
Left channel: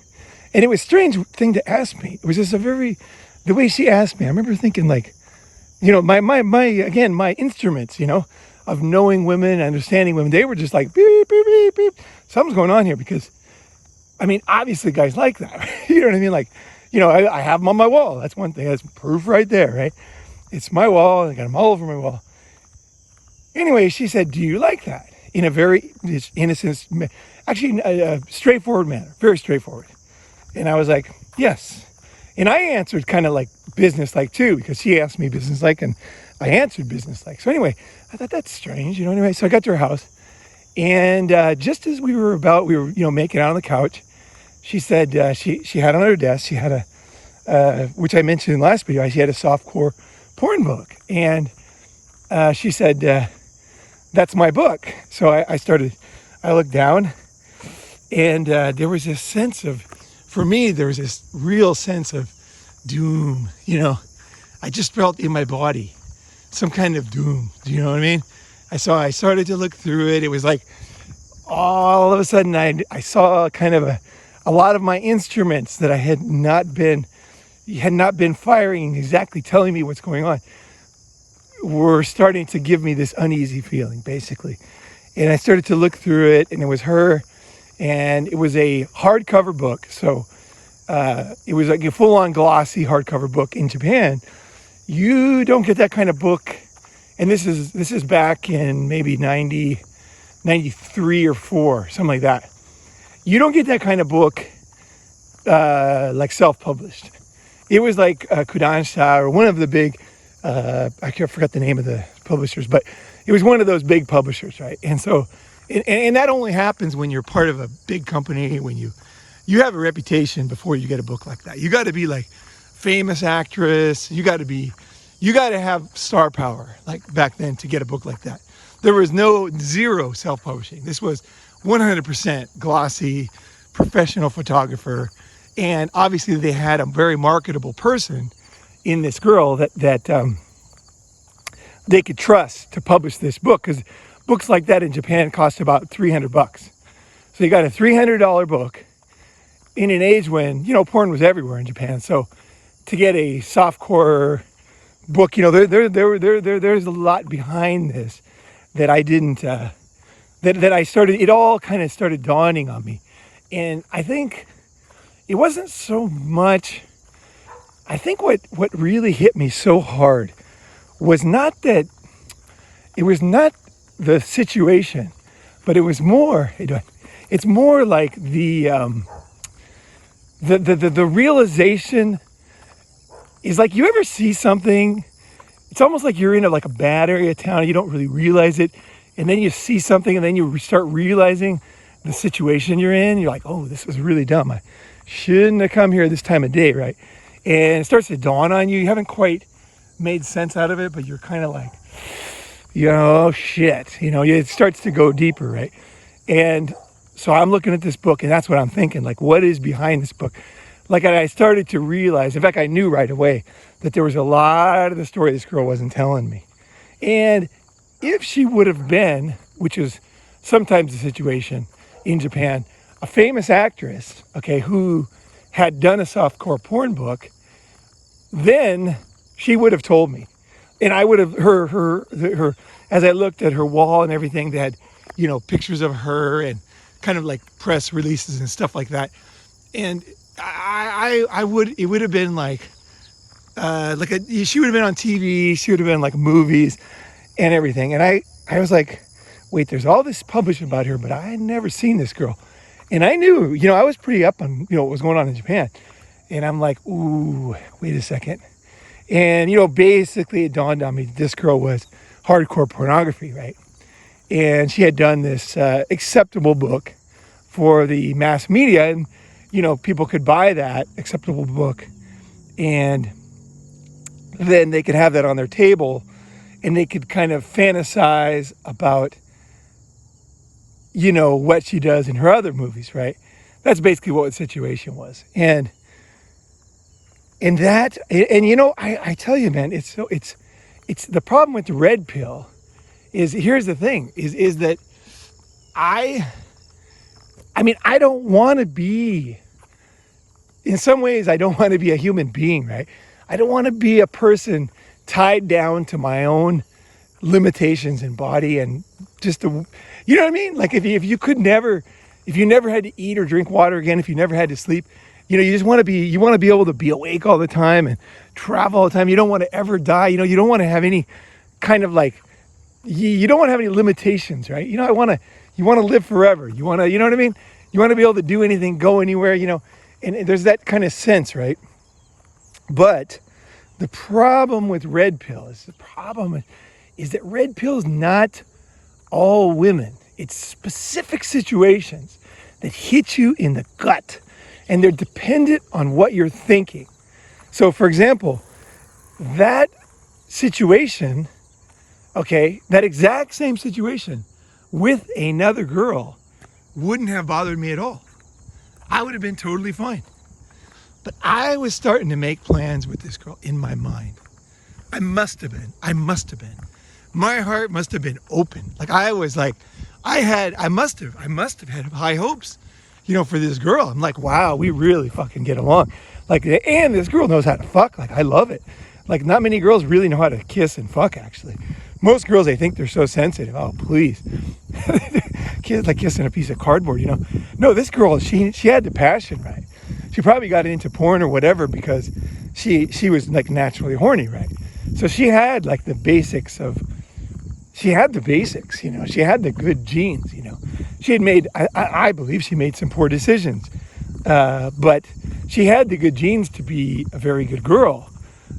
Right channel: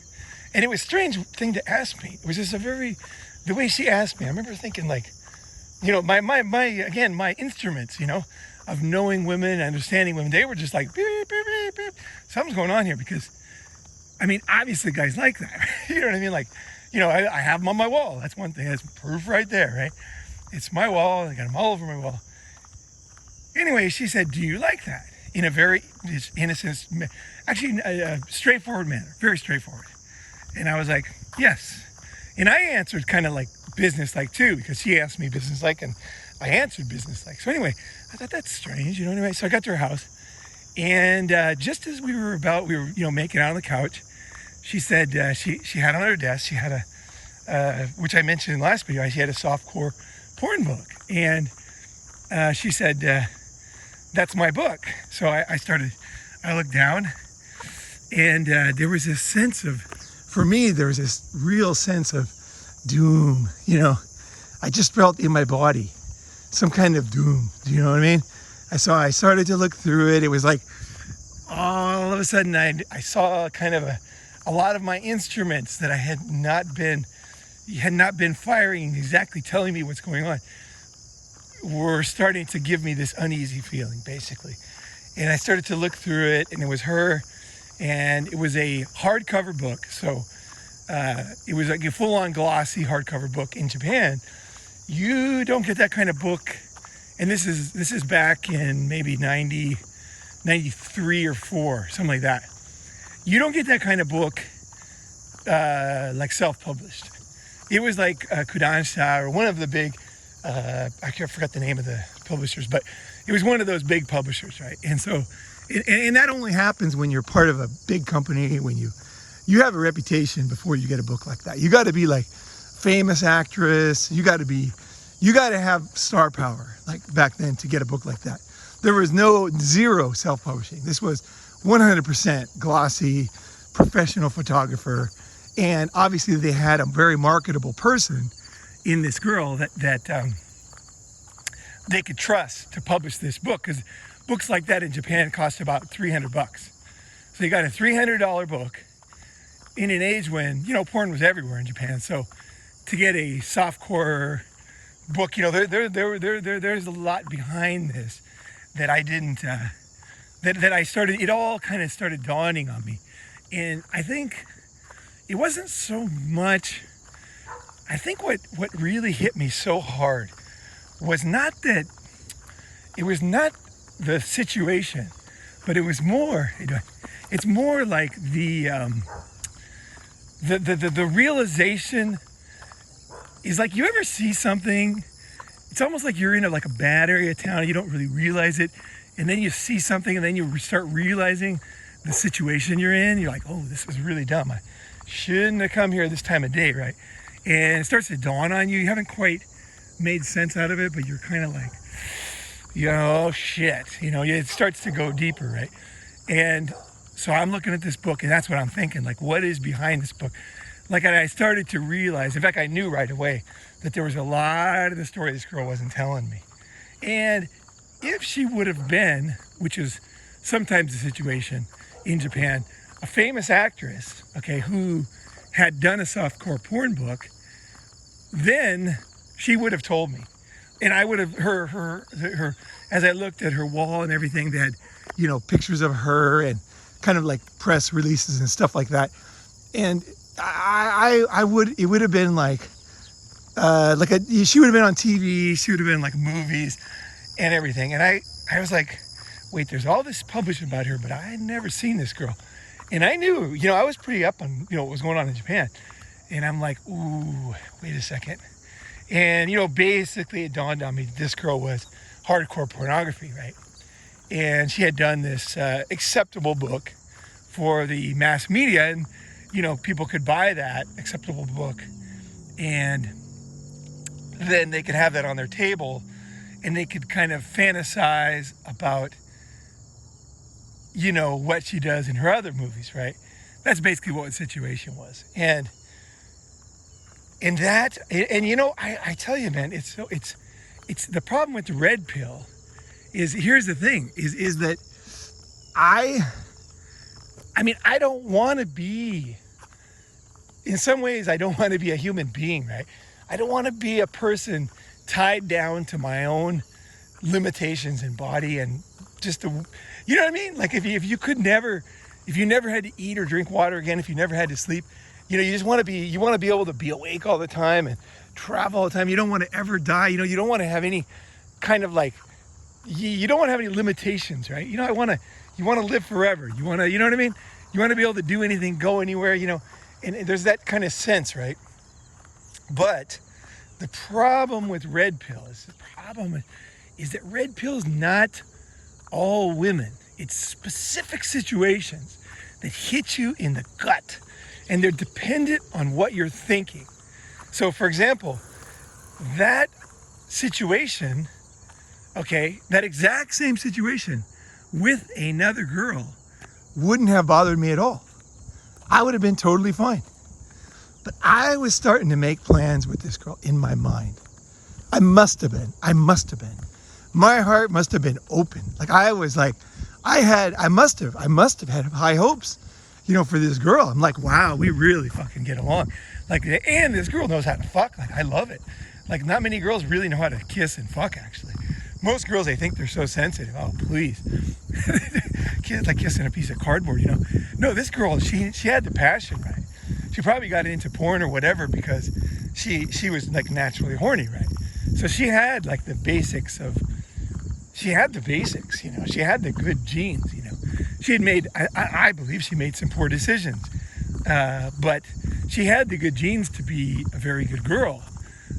And it was a strange thing to ask me. It was just the way she asked me, I remember thinking like, my instruments, of knowing women, understanding women, they were just like, beep, beep, beep, beep. Something's going on here because, obviously guys like that. You know what I mean? Like, I have them on my wall. That's one thing. That's proof right there, right? It's my wall. I got them all over my wall. Anyway, she said, do you like that? In a very innocent, actually a straightforward manner, very straightforward. And I was like, yes. And I answered kind of like business-like too, because she asked me business-like and I answered business-like. So anyway, I thought that's strange, anyway. So I got to her house, and just as we were making out on the couch, she said she had on her desk, she had which I mentioned in the last video, she had a softcore porn book. And she said, that's my book. So I looked down, and there was this sense of, for me, there was this real sense of doom. I just felt in my body some kind of doom. Do you know what I mean? I started to look through it. It was like all of a sudden I saw kind of a lot of my instruments that I had not been firing, exactly telling me what's going on, were starting to give me this uneasy feeling, basically. And I started to look through it, and it was her, and it was a hardcover book. So it was like a full-on glossy hardcover book. In Japan, you don't get that kind of book, and this is back in maybe 93 or 4, something like that. You don't get that kind of book like self-published. It was like Kodansha, or one of the big, I forgot the name of the publishers, but it was one of those big publishers, right? And so, and that only happens when you're part of a big company, when you have a reputation before you get a book like that. You got to be like famous actress. You got to have star power, like back then, to get a book like that. There was zero self-publishing. This was 100% glossy, professional photographer. And obviously they had a very marketable person in this girl that they could trust to publish this book, because books like that in Japan cost about $300. So you got a $300 book in an age when, porn was everywhere in Japan. So to get a softcore book, there's a lot behind this that I didn't, it all kind of started dawning on me. And I think it wasn't so much, I think what really hit me so hard was not that, it was not the situation, but it was more, it's more like the realization is like, you ever see something, it's almost like you're in a bad area of town, you don't really realize it, and then you see something, and then you start realizing the situation you're in. You're like, oh, this was really dumb. I shouldn't have come here this time of day, right? And it starts to dawn on you. You haven't quite made sense out of it, but you're kind of like, shit. It starts to go deeper, right? And so I'm looking at this book, and that's what I'm thinking, like, what is behind this book? Like, I started to realize, in fact, I knew right away that there was a lot of the story this girl wasn't telling me. And if she would have been, which is sometimes the situation in Japan, a famous actress, okay, who had done a softcore porn book, then she would have told me. And I would have, her as I looked at her wall and everything, they had, pictures of her and kind of like press releases and stuff like that. And it would have been she would have been on TV, she would have been like movies and everything. And I was like, wait, there's all this published about her, but I had never seen this girl. And I knew, I was pretty up on, what was going on in Japan. And I'm like, ooh, wait a second. And, basically it dawned on me, this girl was hardcore pornography, right? And she had done this acceptable book for the mass media, and, people could buy that acceptable book, and then they could have that on their table, and they could kind of fantasize about, what she does in her other movies, right? That's basically what the situation was. And I tell you, man, it's the problem with the red pill is, here's the thing, is that I don't want to be, in some ways, I don't want to be a human being, right? I don't want to be a person tied down to my own limitations in body, and just you know what I mean? Like, if you never had to eat or drink water again, if you never had to sleep, you just want to be able to be awake all the time and travel all the time. You don't want to ever die. You don't want to have any kind of you don't want to have any limitations, right? You want to live forever. You want to, you know what I mean? You want to be able to do anything, go anywhere, and there's that kind of sense, right? But the problem with red pill is that red pill is not all women. It's specific situations that hit you in the gut, and they're dependent on what you're thinking. So, for example, that situation okay, that exact same situation with another girl wouldn't have bothered me at all. I would have been totally fine. But I was starting to make plans with this girl in my mind. I must have been. My heart must have been open. Like I was like, I must have had high hopes, for this girl. I'm like, wow, we really fucking get along. Like, and this girl knows how to fuck. Like, I love it. Like, not many girls really know how to kiss and fuck, actually. Most girls, they think they're so sensitive. Oh, please. Kids like kissing a piece of cardboard, No, this girl, she had the passion, right? She probably got into porn or whatever because she was like naturally horny, right? So she had like the basics, she had the good genes, She had made, I believe she made some poor decisions, but she had the good genes to be a very good girl.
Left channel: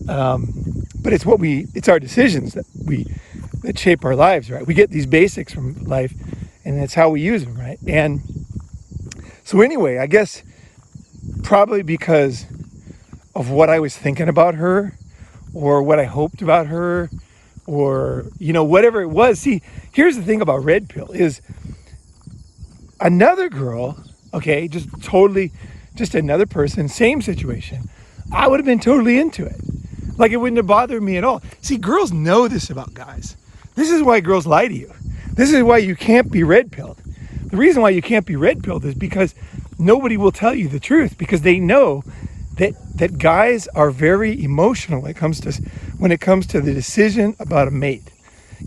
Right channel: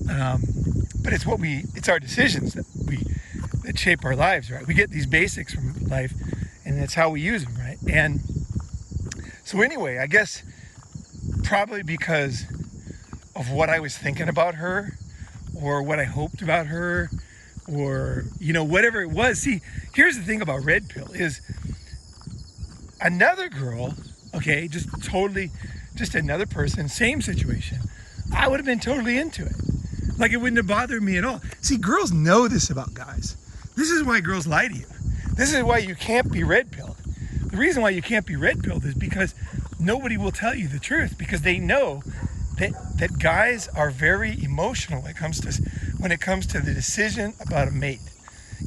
But it's our decisions that shape our lives, right? We get these basics from life, and that's how we use them, right? And so anyway, I guess probably because of what I was thinking about her, or what I hoped about her, or whatever it was. See, here's the thing about red pill is another girl, okay, just another person, same situation, I would have been totally into it. Like, it wouldn't have bothered me at all. See, girls know this about guys. This is why girls lie to you. This is why you can't be red pilled. The reason why you can't be red pilled is because nobody will tell you the truth, because they know that guys are very emotional when it comes to the decision about a mate.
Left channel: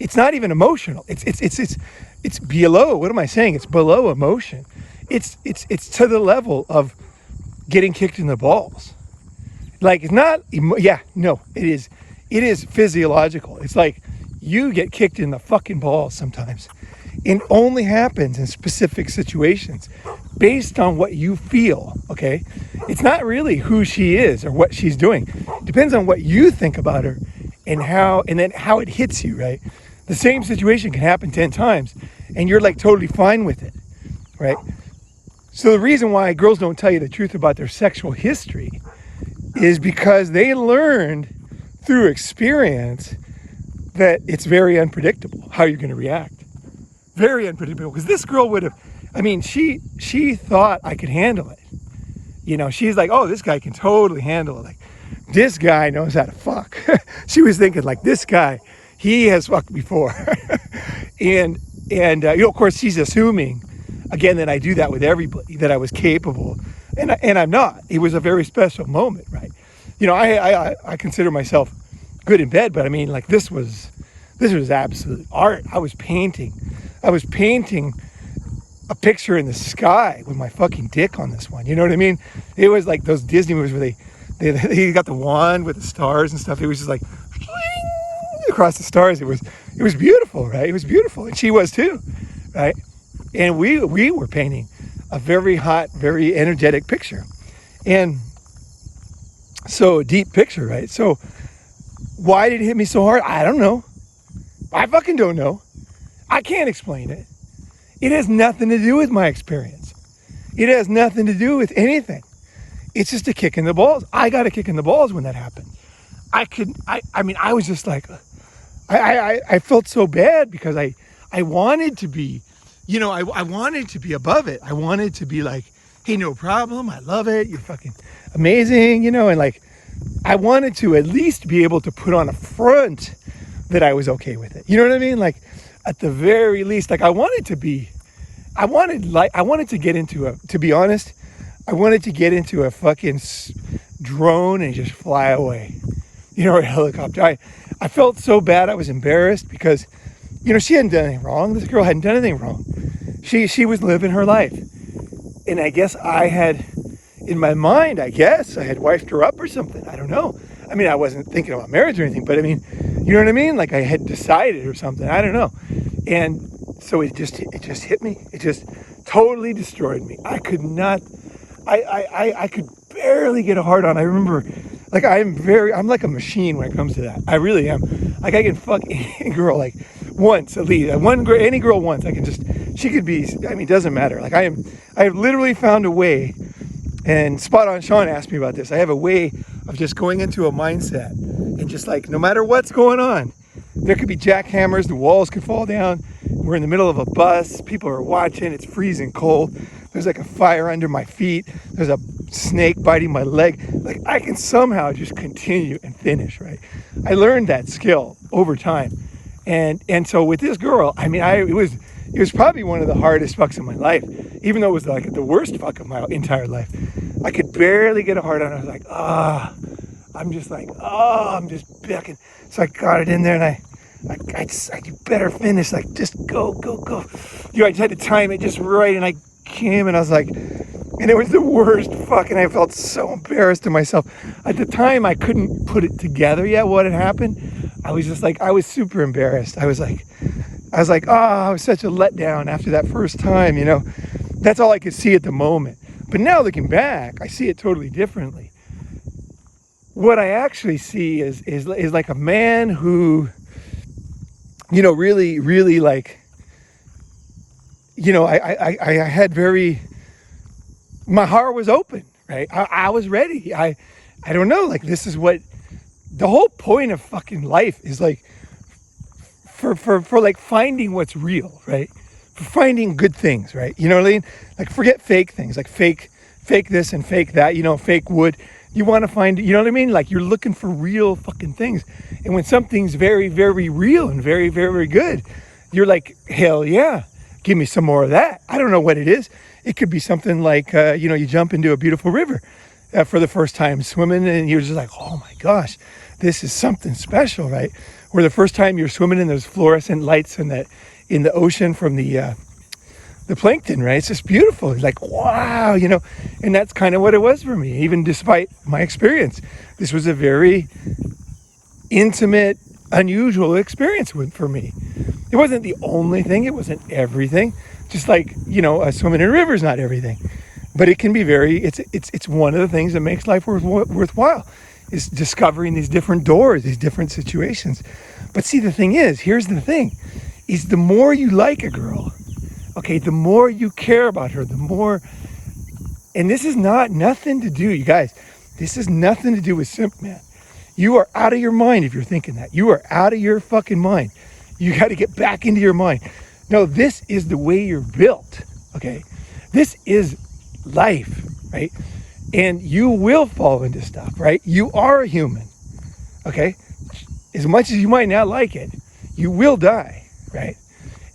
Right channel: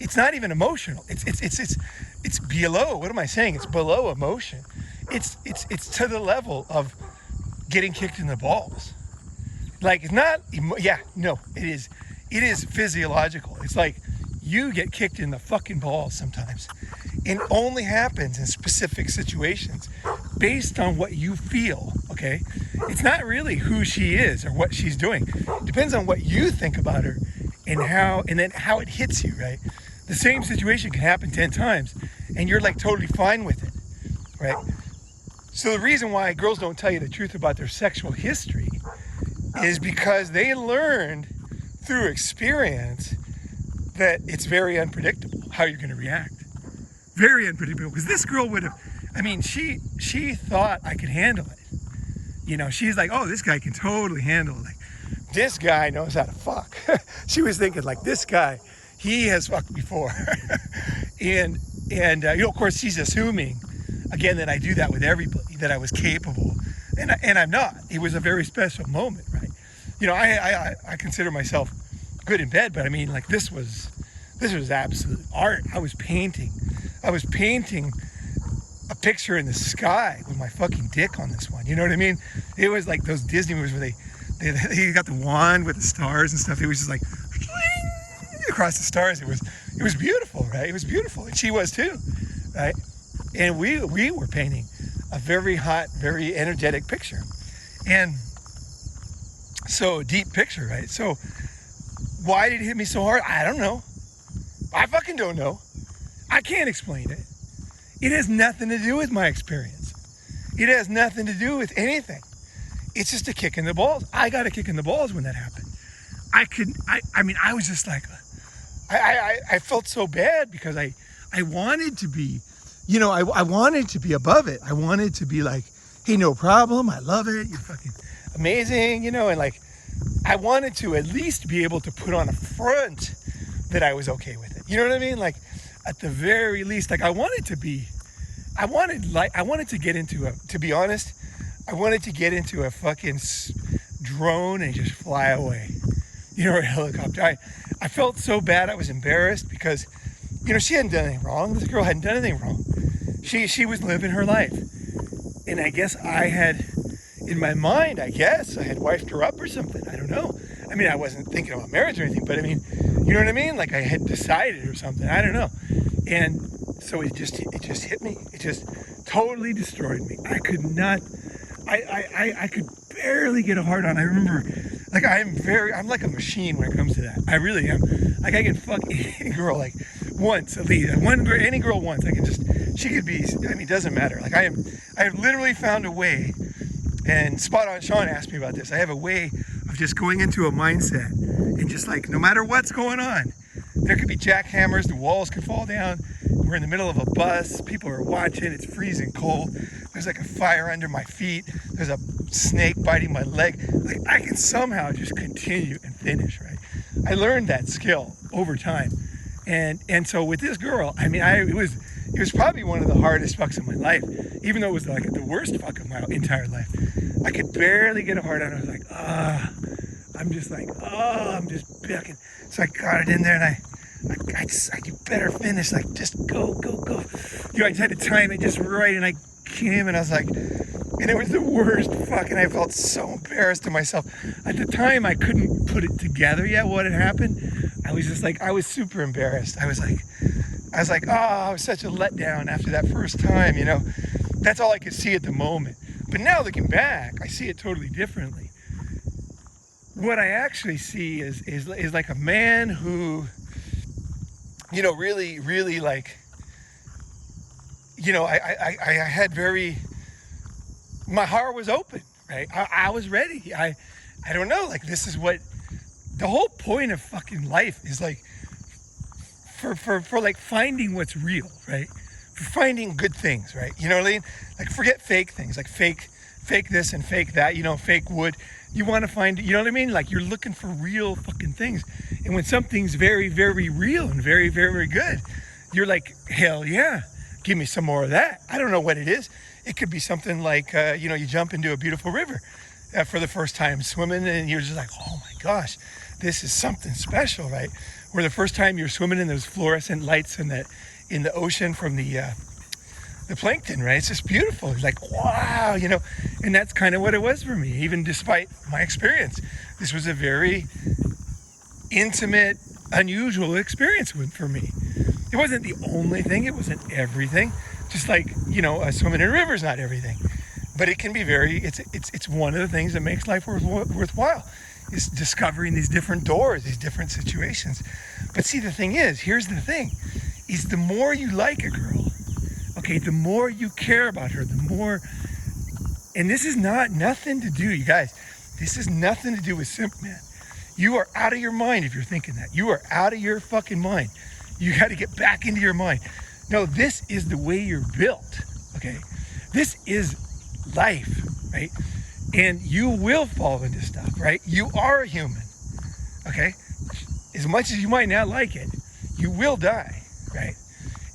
It's not even emotional. It's below. What am I saying? It's below emotion. It's to the level of getting kicked in the balls. Like, it's not, it is physiological. It's like you get kicked in the fucking balls sometimes. It only happens in specific situations based on what you feel, okay? It's not really who she is or what she's doing. It depends on what you think about her and then how it hits you, right? The same situation can happen 10 times and you're like totally fine with it, right? So the reason why girls don't tell you the truth about their sexual history is because they learned through experience that it's very unpredictable how you're going to react. Very unpredictable. Because this girl would have, she thought I could handle it. She's like, oh, this guy can totally handle it. Like, this guy knows how to fuck. She was thinking, like, this guy, he has fucked before. and of course, she's assuming, again, that I do that with everybody, that I was capable. And I'm not. It was a very special moment, right? I consider myself good in bed, but like, this was absolute art. I was painting a picture in the sky with my fucking dick on this one. You know what I mean? It was like those Disney movies where they got the wand with the stars and stuff. It was just like across the stars. It was beautiful, right? It was beautiful, and she was too, right? And we were painting a very hot, very energetic picture, and so a deep picture, right? So why did it hit me so hard? I don't know. I fucking don't know. I can't explain it. It has nothing to do with my experience. It has nothing to do with anything. It's just a kick in the balls. I got a kick in the balls when that happened. I was just like, I felt so bad because I wanted to be, I wanted to be above it. I wanted to be like, hey, no problem. I love it. You're fucking amazing, and like, I wanted to at least be able to put on a front that I was okay with it. You know what I mean? Like, at the very least, like, I wanted to get into to be honest, I wanted to get into a fucking drone and just fly away, or a helicopter. I felt so bad. I was embarrassed because, she hadn't done anything wrong. This girl hadn't done anything wrong. She was living her life. And I guess I had, in my mind, I had wifed her up or something. I don't know. I wasn't thinking about marriage or anything, but you know what I mean? Like, I had decided or something. I don't know. And so it just hit me. It just totally destroyed me. I could not, I could barely get a hard on. I remember, like, I'm like a machine when it comes to that. I really am. Like, I can fuck any girl, like, once at least. Any girl once. She could be, it doesn't matter. Like, I have literally found a way, and Spot On Sean asked me about this. I have a way of just going into a mindset and just like, no matter what's going on, There could be jackhammers, the walls could fall down. We're in the middle of a bus, people are watching, it's freezing cold. There's like a fire under my feet. There's a snake biting my leg. Like I can somehow just continue and finish, right? I learned that skill over time. And so with this girl, I mean, it was probably one of the hardest fucks of my life, even though it was like the worst fuck of my entire life. I could barely get a hard on. I was like, I'm just bucking. So I got it in there and I just, you better finish, like just go. You know, I just had to time it just right, and I came and I was like, and it was the worst fucking, I felt so embarrassed of myself. At the time, I couldn't put it together yet, what had happened. I was just like, I was super embarrassed. I was like, oh, it was such a letdown after that first time, you know. That's all I could see at the moment. But now looking back, I see it totally differently. What I actually see is like a man who, you know, really like, you know, I had very, my heart was open, right? I was ready. I don't know, like this is what, the whole point of fucking life is like, for like finding what's real, right? For finding good things, right? You know what I mean? Like forget fake things, like fake this and fake that, you know, fake wood. You want to find, you know what I mean? Like you're looking for real fucking things. And when something's very, very real and very, very good, you're like, hell yeah, give me some more of that. I don't know what it is. It could be something like, you know, you jump into a beautiful river for the first time swimming and you're just like, oh my gosh, this is something special, right? Or the first time you're swimming in those fluorescent lights in the ocean from the plankton, right? It's just beautiful. It's like, wow, you know, and that's kind of what it was for me, even despite my experience. This was a very intimate, unusual experience for me. It wasn't the only thing. It wasn't everything. Just like, you know, swimming in a river is not everything. But it can be very, it's one of the things that makes life worthwhile. Is discovering these different doors, these different situations. But see, the thing is, here's the thing, is the more you like a girl, okay, the more you care about her, the more, and this is nothing to do, you guys, this is nothing to do with simp, man. You are out of your mind if you're thinking that. You are out of your fucking mind. You got to get back into your mind. No, this is the way you're built, okay? This is life, right? And you will fall into stuff, right? You are a human, okay? As much as you might not like it, you will die, right?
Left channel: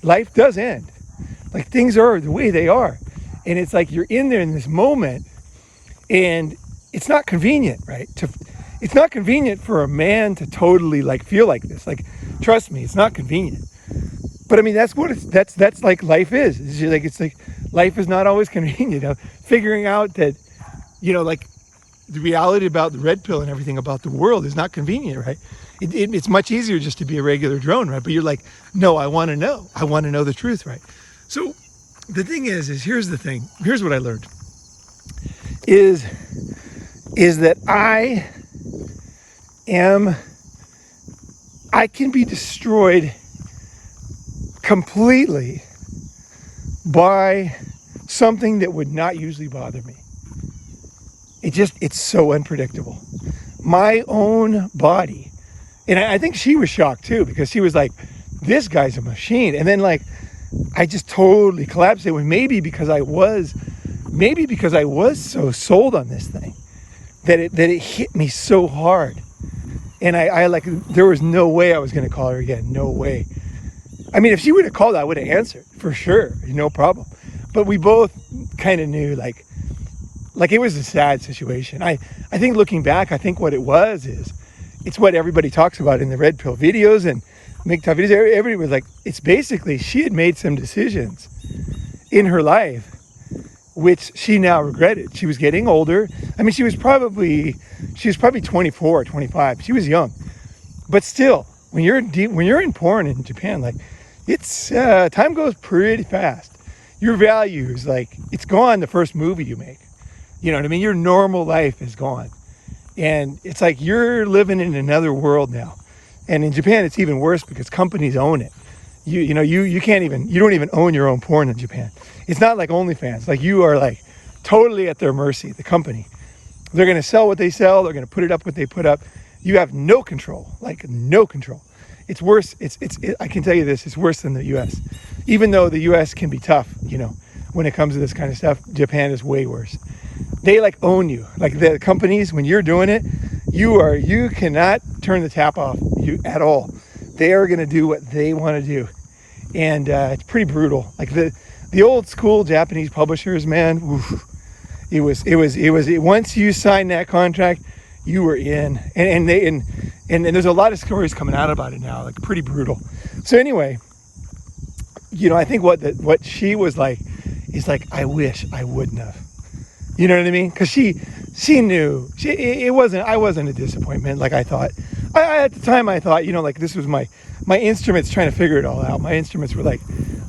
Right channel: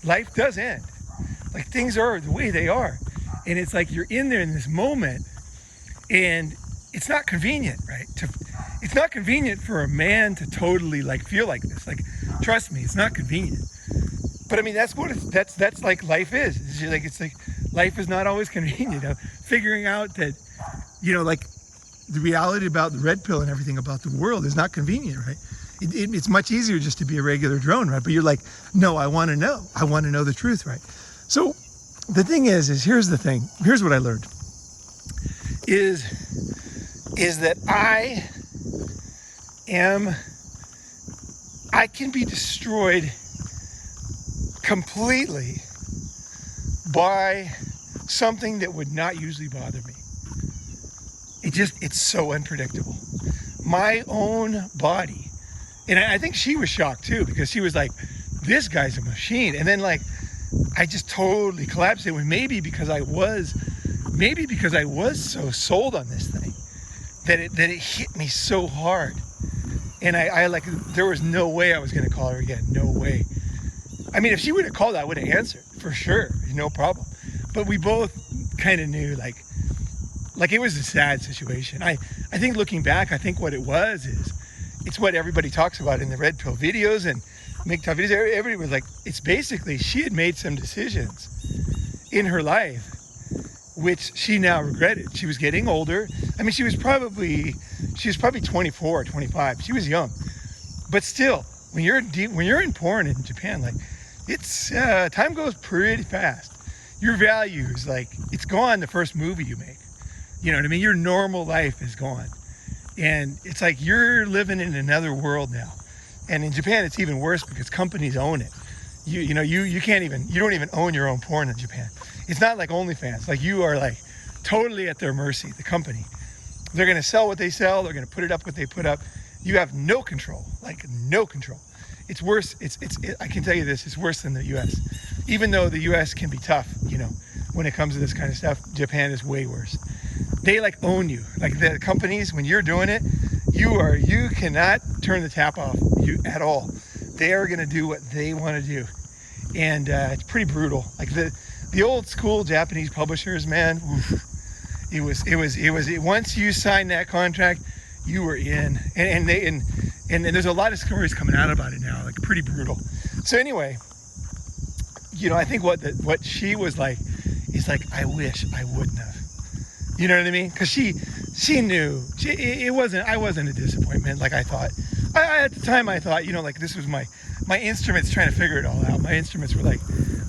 Life does end. Like things are the way they are. And it's like you're in there in this moment and it's not convenient, right? It's not convenient for a man to totally like feel like this. Like, trust me, it's not convenient. But I mean, that's what that's like life is. It's like life is not always convenient. You know? Figuring out that, you know, like the reality about the red pill and everything about the world is not convenient, right? It's much easier just to be a regular drone, right? But you're like, no, I want to know. I want to know the truth, right? So the thing is here's the thing. Here's what I learned. Is that I can be destroyed completely by something that would not usually bother me. It's so unpredictable. My own body. And I think she was shocked too, because she was like, this guy's a machine. And then like, I just totally collapsed. It was maybe because I was so sold on this thing that it hit me so hard. And I like, there was no way I was going to call her again. No way. I mean, if she would have called, I would have answered for sure. No problem. But we both kind of knew like it was a sad situation. I think looking back, I think what it was is, it's what everybody talks about in the red pill videos and make top videos. Everybody was like, it's basically, she had made some decisions in her life, which she now regretted. She was getting older. I mean, she was probably 24, 25. She was young, but still, when you're in porn in Japan, like it's, time goes pretty fast. Your values, like it's gone the first movie you make. You know what I mean? Your normal life is gone. And it's like you're living in another world now. And in Japan, it's even worse because companies own it. You don't even own your own porn in Japan. It's not like OnlyFans. Like you are like totally at their mercy, the company. They're going to sell what they sell. They're going to put it up what they put up. You have no control, like no control. it's worse. I can tell you this, it's worse than the US. Even though the US can be tough, when it comes to this kind of stuff, Japan is way worse. They like own you. Like the companies, when you're doing it, you cannot turn the tap off at all. They are gonna do what they want to do. And it's pretty brutal. Like the old school Japanese publishers, man, oof, it was once you signed that contract, you were in. And there's a lot of stories coming out about it now, like pretty brutal. So anyway, I think what she was like is like, I wish I wouldn't have. You know what I mean? Because she knew I wasn't a disappointment like I thought. At the time I thought, like this was my instruments trying to figure it all out. My instruments were like,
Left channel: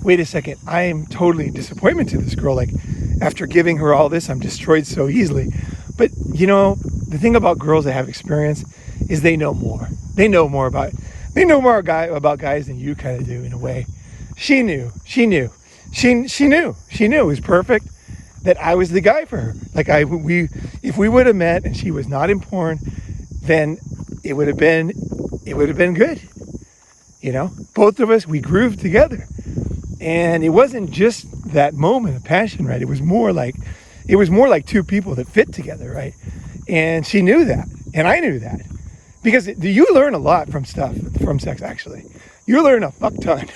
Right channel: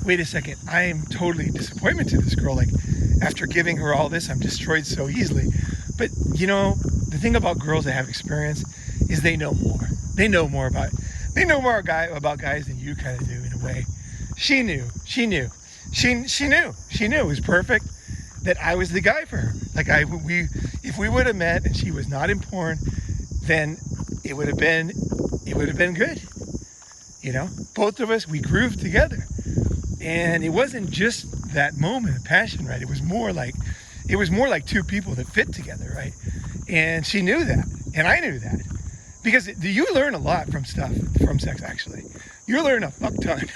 wait a second, I am totally disappointment to this girl. Like after giving her all this, I'm destroyed so easily. But the thing about girls that have experience is they know more. They know more about guys than you kind of do in a way. She knew it was perfect that I was the guy for her. Like if we would have met and she was not in porn, then it would have been good. Both of us, we grooved together. And it wasn't just that moment of passion, right? It was more like two people that fit together, right? And she knew that, and I knew that. Because you learn a lot from sex, actually. You learn a fuck ton.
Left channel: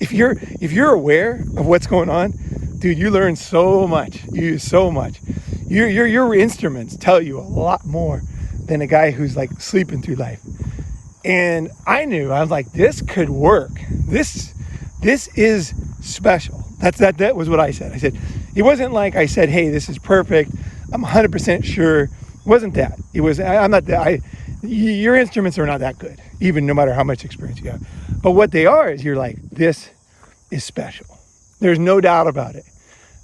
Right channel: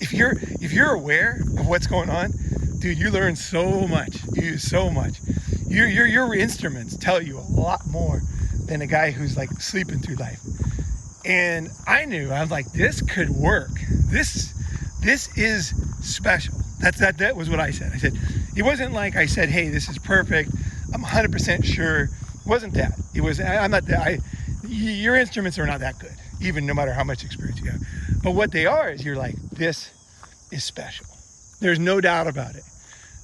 If you're aware of what's going on, dude, you learn so much. You use so much. Your instruments tell you a lot more than a guy who's like sleeping through life. And I was like, this could work. This is special. That was what I said. I said, it wasn't like I said, hey, this is perfect, I'm 100% sure. It wasn't that. It was, I'm not that. Your instruments are not that good, even no matter how much experience you have. But what they are is you're like, this is special. There's no doubt about it.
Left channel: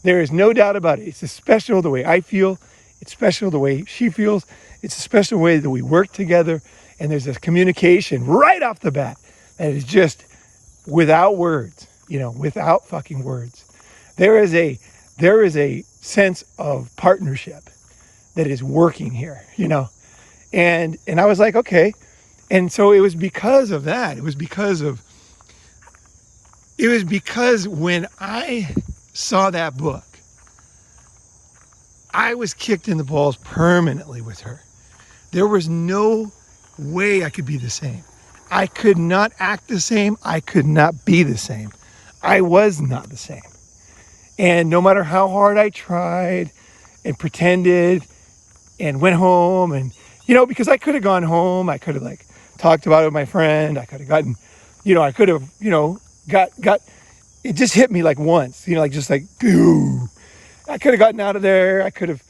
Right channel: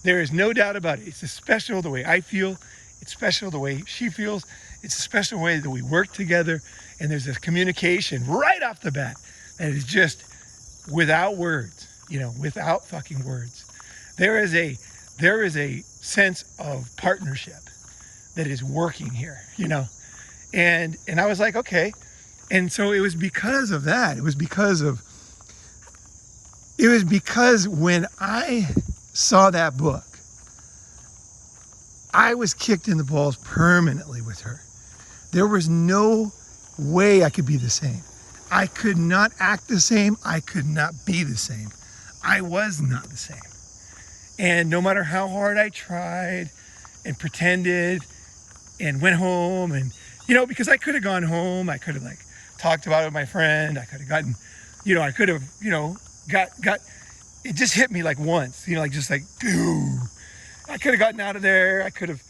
There is no doubt about it. It's special the way I feel. It's special the way she feels. It's a special way that we work together. And there's this communication right off the bat that is just without words, without fucking words. There is a sense of partnership that is working here, And I was like, okay. And so it was because of that. It was because when I saw that book, I was kicked in the balls permanently with her. There was no way I could be the same. I could not act the same. I could not be the same. I was not the same. And no matter how hard I tried and pretended and went home and, because I could have gone home, I could have like talked about it with my friend. I could have gotten, I could have, got, it just hit me like once, just like, boom. I could have gotten out of there. I could have,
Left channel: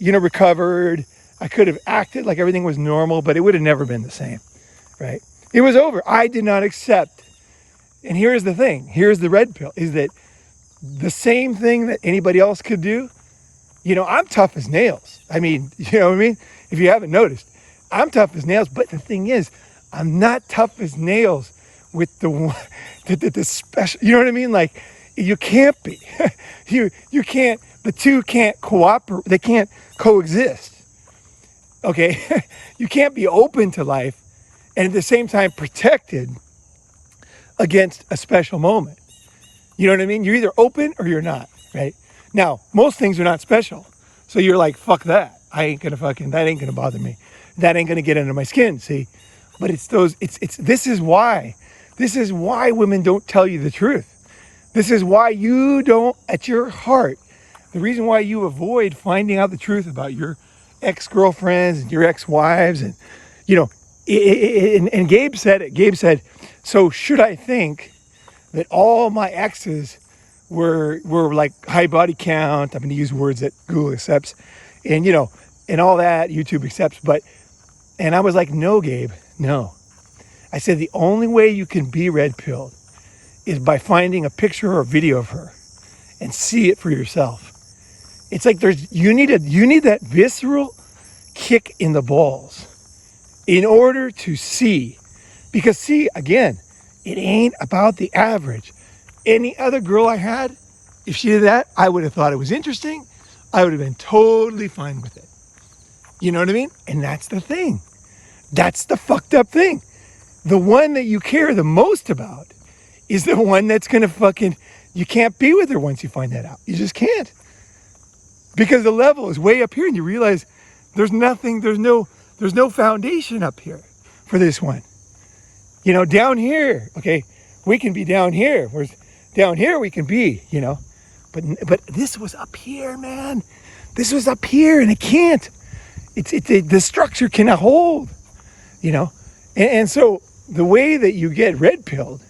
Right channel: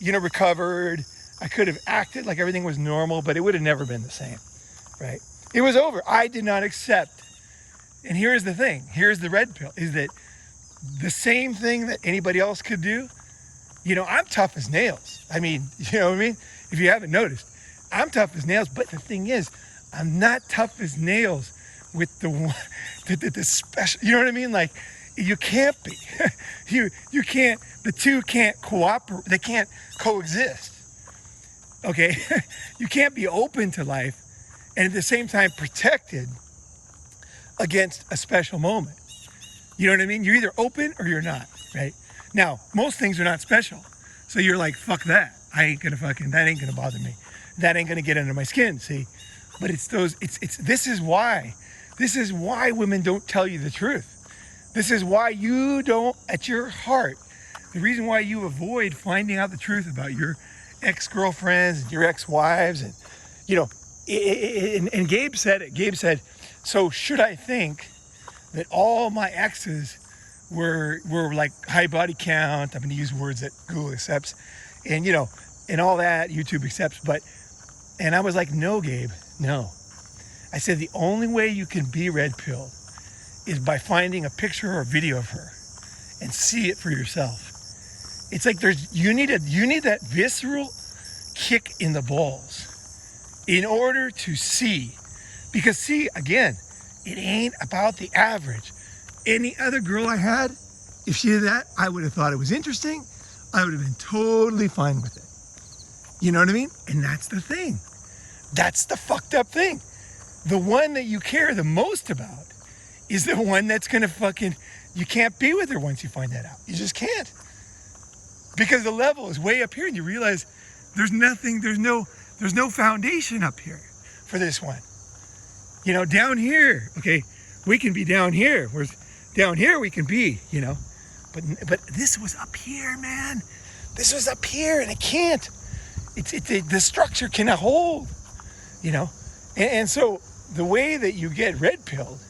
recovered. I could have acted like everything was normal, but it would have never been the same, right? It was over. I did not accept. And here's the thing. Here's the red pill, is that the same thing that anybody else could do, I'm tough as nails. I mean, you know what I mean? If you haven't noticed, I'm tough as nails. But the thing is, I'm not tough as nails with the special, you know what I mean? Like, you can't be. you can't, the two can't cooperate. They can't coexist. Okay? You can't be open to life and at the same time protected against a special moment. You know what I mean? You're either open or you're not, right? Now, most things are not special. So you're like, fuck that. That ain't gonna bother me. That ain't gonna get under my skin, see? But this is why women don't tell you the truth. This is why you don't, at your heart, the reason why you avoid finding out the truth about your ex-girlfriends and your ex-wives and, and Gabe said it. Gabe said, so should I think that all my exes were like high body count? I'm going to use words that Google accepts, and and all that YouTube accepts. And I was like, no, Gabe, no. I said the only way you can be red pilled is by finding a picture or a video of her and see it for yourself. It's like you need that visceral kick in the balls in order to see. Because see, again, it ain't about the average. Any other girl I had, if she did that, I would have thought it was interesting. I would have been totally fine with it. You know what I mean? And that's the thing. That's the fucked up thing. the one that you care the most about is the one that's gonna fucking, you can't be with her once you find that out. You just can't. Because the level is way up here and you realize there's nothing, there's no foundation up here for this one. You know, down here, okay, we can be down here. Whereas down here we can be, you know. But this was up here, man. This was up here and it can't. The structure cannot hold, you know. And so the way that you get red-pilled,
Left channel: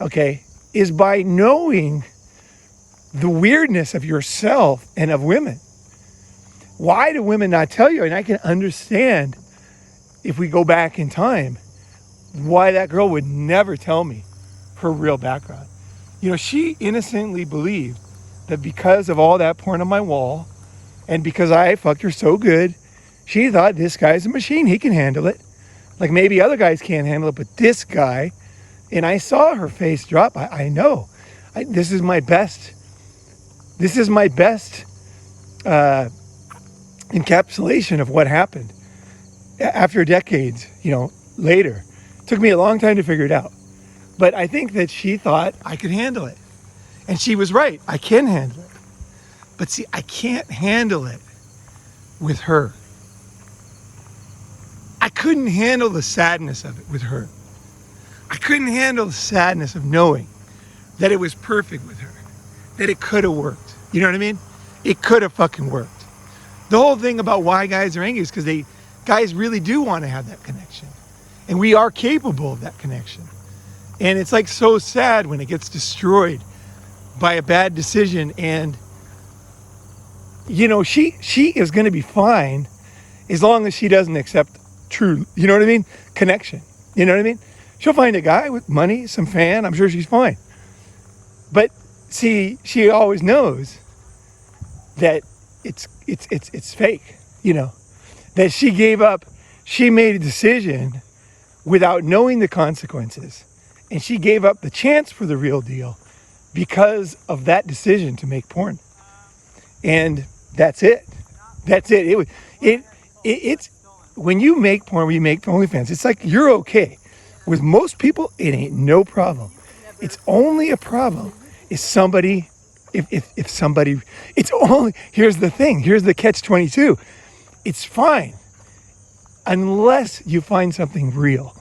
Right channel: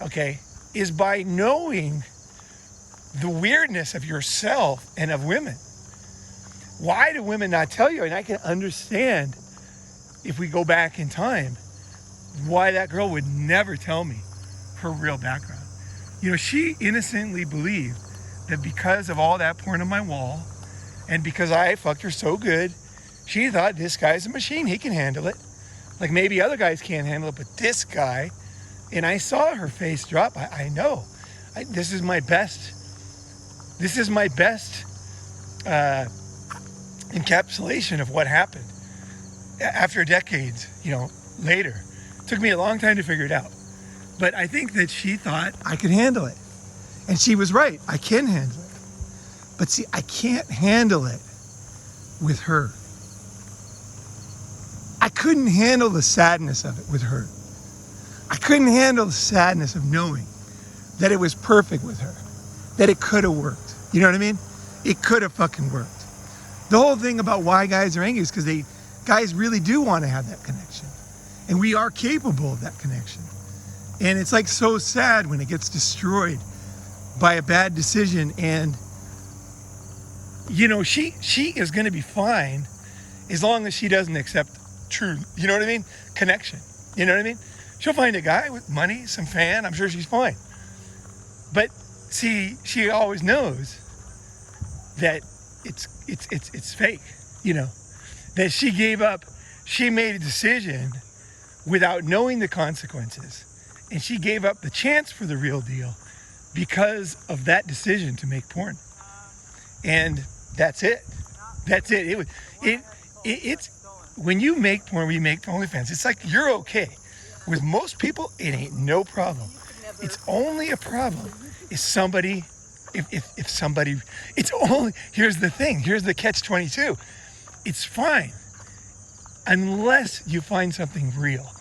okay, is by knowing the weirdness of yourself and of women. Why do women not tell you? And I can understand, if we go back in time, why that girl would never tell me her real background. You know, she innocently believed that because of all that porn on my wall, and because I fucked her so good, she thought this guy's a machine, he can handle it. Like maybe other guys can't handle it, but this guy, and I saw her face drop. I know. This is my best encapsulation of what happened after decades, you know, later. It took me a long time to figure it out. But I think that she thought I could handle it. And she was right. I can handle it. But see, I can't handle it with her. I couldn't handle the sadness of it with her. I couldn't handle the sadness of knowing that it was perfect with her, that it could have worked. You know what I mean? It could have fucking worked. The whole thing about why guys are angry is because guys really do want to have that connection. And we are capable of that connection. And it's like so sad when it gets destroyed by a bad decision. And, you know, she is going to be fine as long as she doesn't accept true, you know what I mean? Connection. You know what I mean? She'll find a guy with money, some fan, I'm sure she's fine. But see, she always knows that it's fake, you know, that she gave up, she made a decision without knowing the consequences. And she gave up the chance for the real deal because of that decision to make porn. And that's it. That's it. It's when you make porn, when you make OnlyFans, it's like you're okay. With most people, it ain't no problem. It's only a problem if somebody, if somebody, it's only, here's the thing, here's the catch-22. It's fine unless you find something real.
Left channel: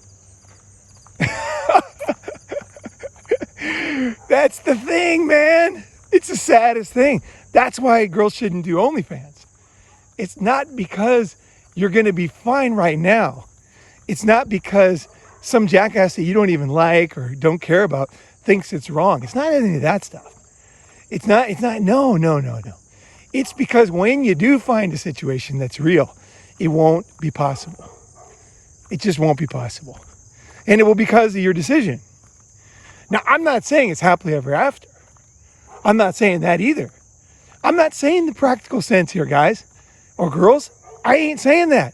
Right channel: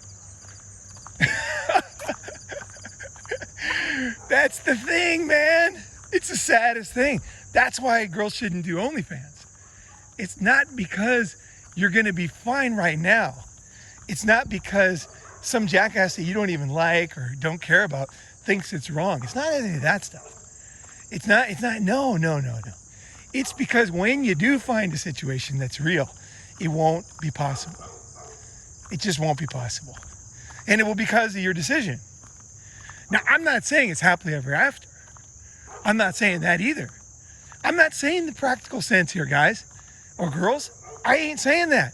That's the thing, man. It's the saddest thing. That's why girls shouldn't do OnlyFans. It's not because you're going to be fine right now. It's not because some jackass that you don't even like or don't care about thinks it's wrong. It's not any of that stuff. It's not, no. It's because when you do find a situation that's real, it won't be possible. It just won't be possible. And it will be because of your decision. Now, I'm not saying it's happily ever after. I'm not saying that either. I'm not saying the practical sense here, guys or girls. I ain't saying that.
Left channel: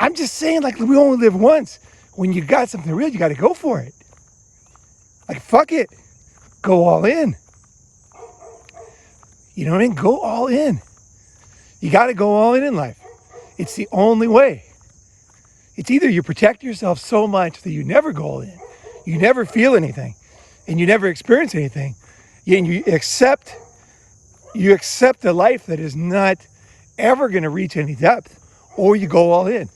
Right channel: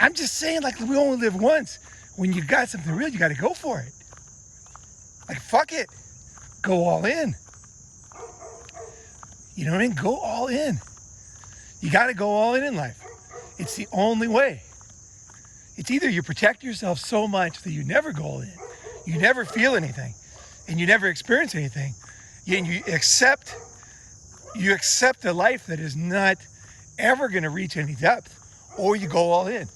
I'm just saying, like, we only live once. When you got something real, you got to go for it. Like, fuck it. Go all in. You know what I mean? Go all in. You got to go all in life. It's the only way. It's either you protect yourself so much that you never go all in, you never feel anything, and you never experience anything, and you accept a life that is not ever going to reach any depth, or you go all in.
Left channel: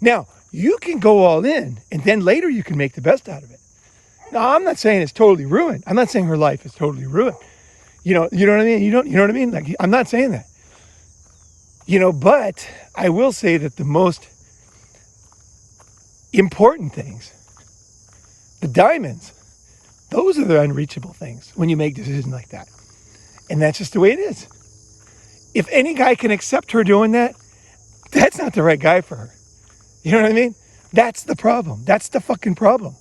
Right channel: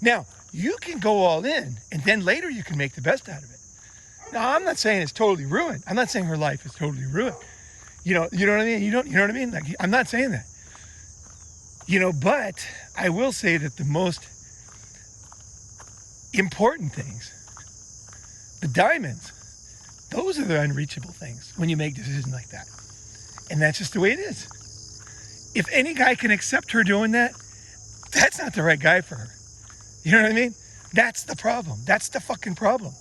Now, you can go all in, and then later you can make the best out of it. Now, I'm not saying it's totally ruined. I'm not saying her life is totally ruined. You know what I mean? You know what I mean? Like, I'm not saying that. You know, but I will say that the most important things, the diamonds, those are the unreachable things when you make decisions like that. And that's just the way it is. If any guy can accept her doing that, that's not the right guy for her. You know what I mean? That's the problem. That's the fucking problem.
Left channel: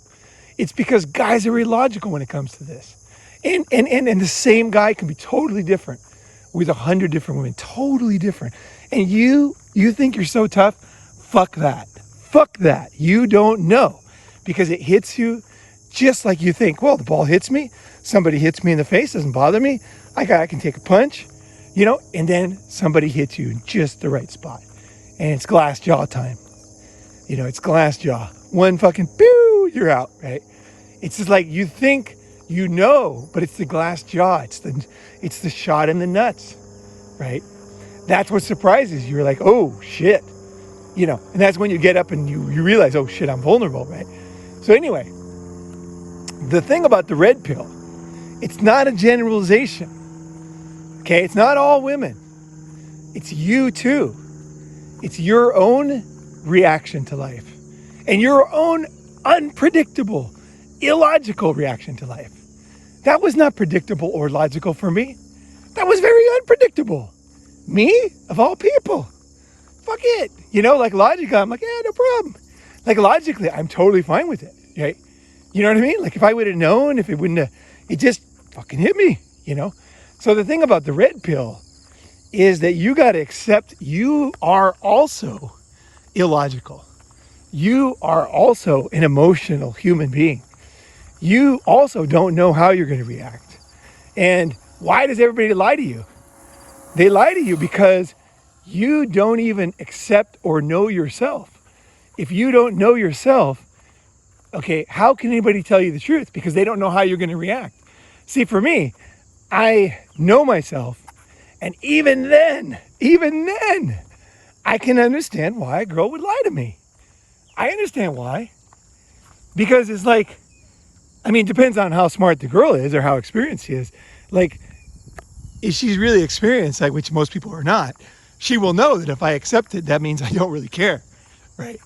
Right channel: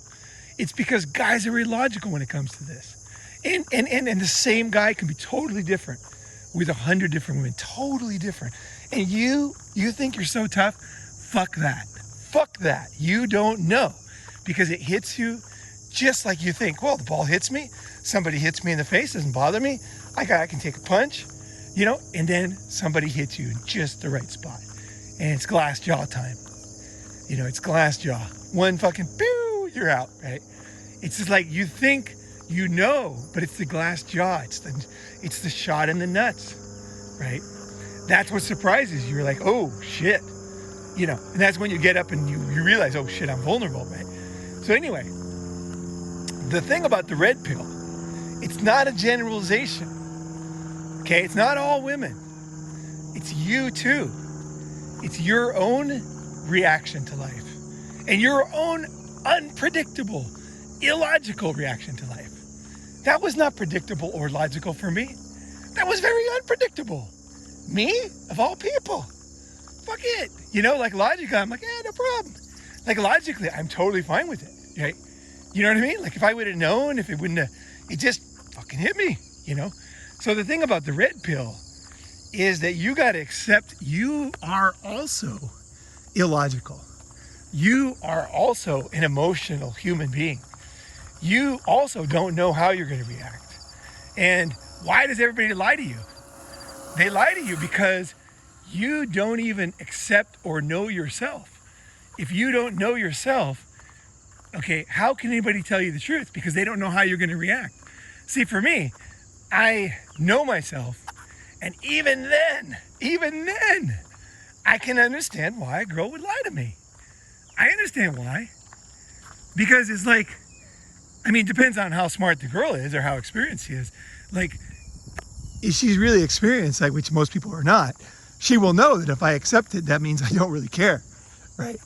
It's because guys are illogical when it comes to this. And the same guy can be totally different with 100 different women. Totally different. And you think you're so tough? Fuck that. Fuck that. You don't know. Because it hits you just like you think. Well, the ball hits me. Somebody hits me in the face. Doesn't bother me. I can take a punch. You know, and then somebody hits you in just the right spot. And it's glass jaw time. You know, it's glass jaw. One fucking pew. figure out, right? It's just like you think you know, but it's the glass jaw. It's the shot in the nuts, right? That's what surprises you. You're like, oh shit, you know, and that's when you get up and you realize, oh shit, I'm vulnerable, right? So anyway, the thing about the red pill, it's not a generalization, okay? It's not all women. It's you too. It's your own reaction to life and your own unpredictable, illogical reaction to life. That was not predictable or logical for me. That was very unpredictable. Me, of all people. Fuck it. You know, like logically, I'm like, yeah, no problem. Like logically, I'm totally fine with it, right? You know what I mean? Like if I would have known, if it wouldn't have, it just fucking hit me, you know? So the thing about the red pill is that you got to accept you are also illogical. You are also an emotional human being. You also don't know how you're going to react. And why does everybody lie to you? They lie to you because you don't even accept or know yourself. If you don't know yourself, okay, how can anybody tell you the truth? Because they don't know how you're going to react. See, for me, I know myself. And even then, I can understand why a girl would lie to me. I understand why. Because it's like, I mean, it depends on how smart the girl is or how experienced she is. Like, if she's really experienced, like which most people are not, she will know that if I accept it, that means I don't really care, right?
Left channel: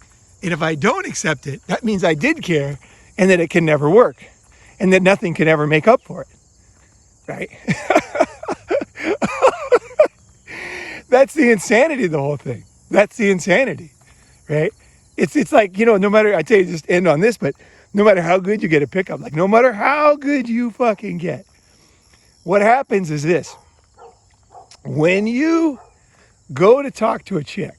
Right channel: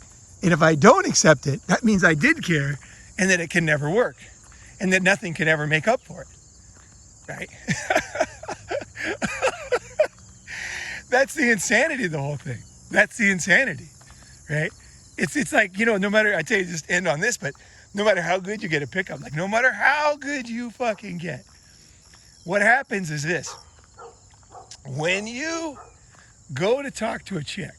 And if I don't accept it, that means I did care and that it can never work and that nothing can ever make up for it, right? That's the insanity of the whole thing. That's the insanity, right? It's like, you know, no matter, I tell you, just end on this, but no matter how good you get a pickup, like no matter how good you fucking get, what happens is this. When you go to talk to a chick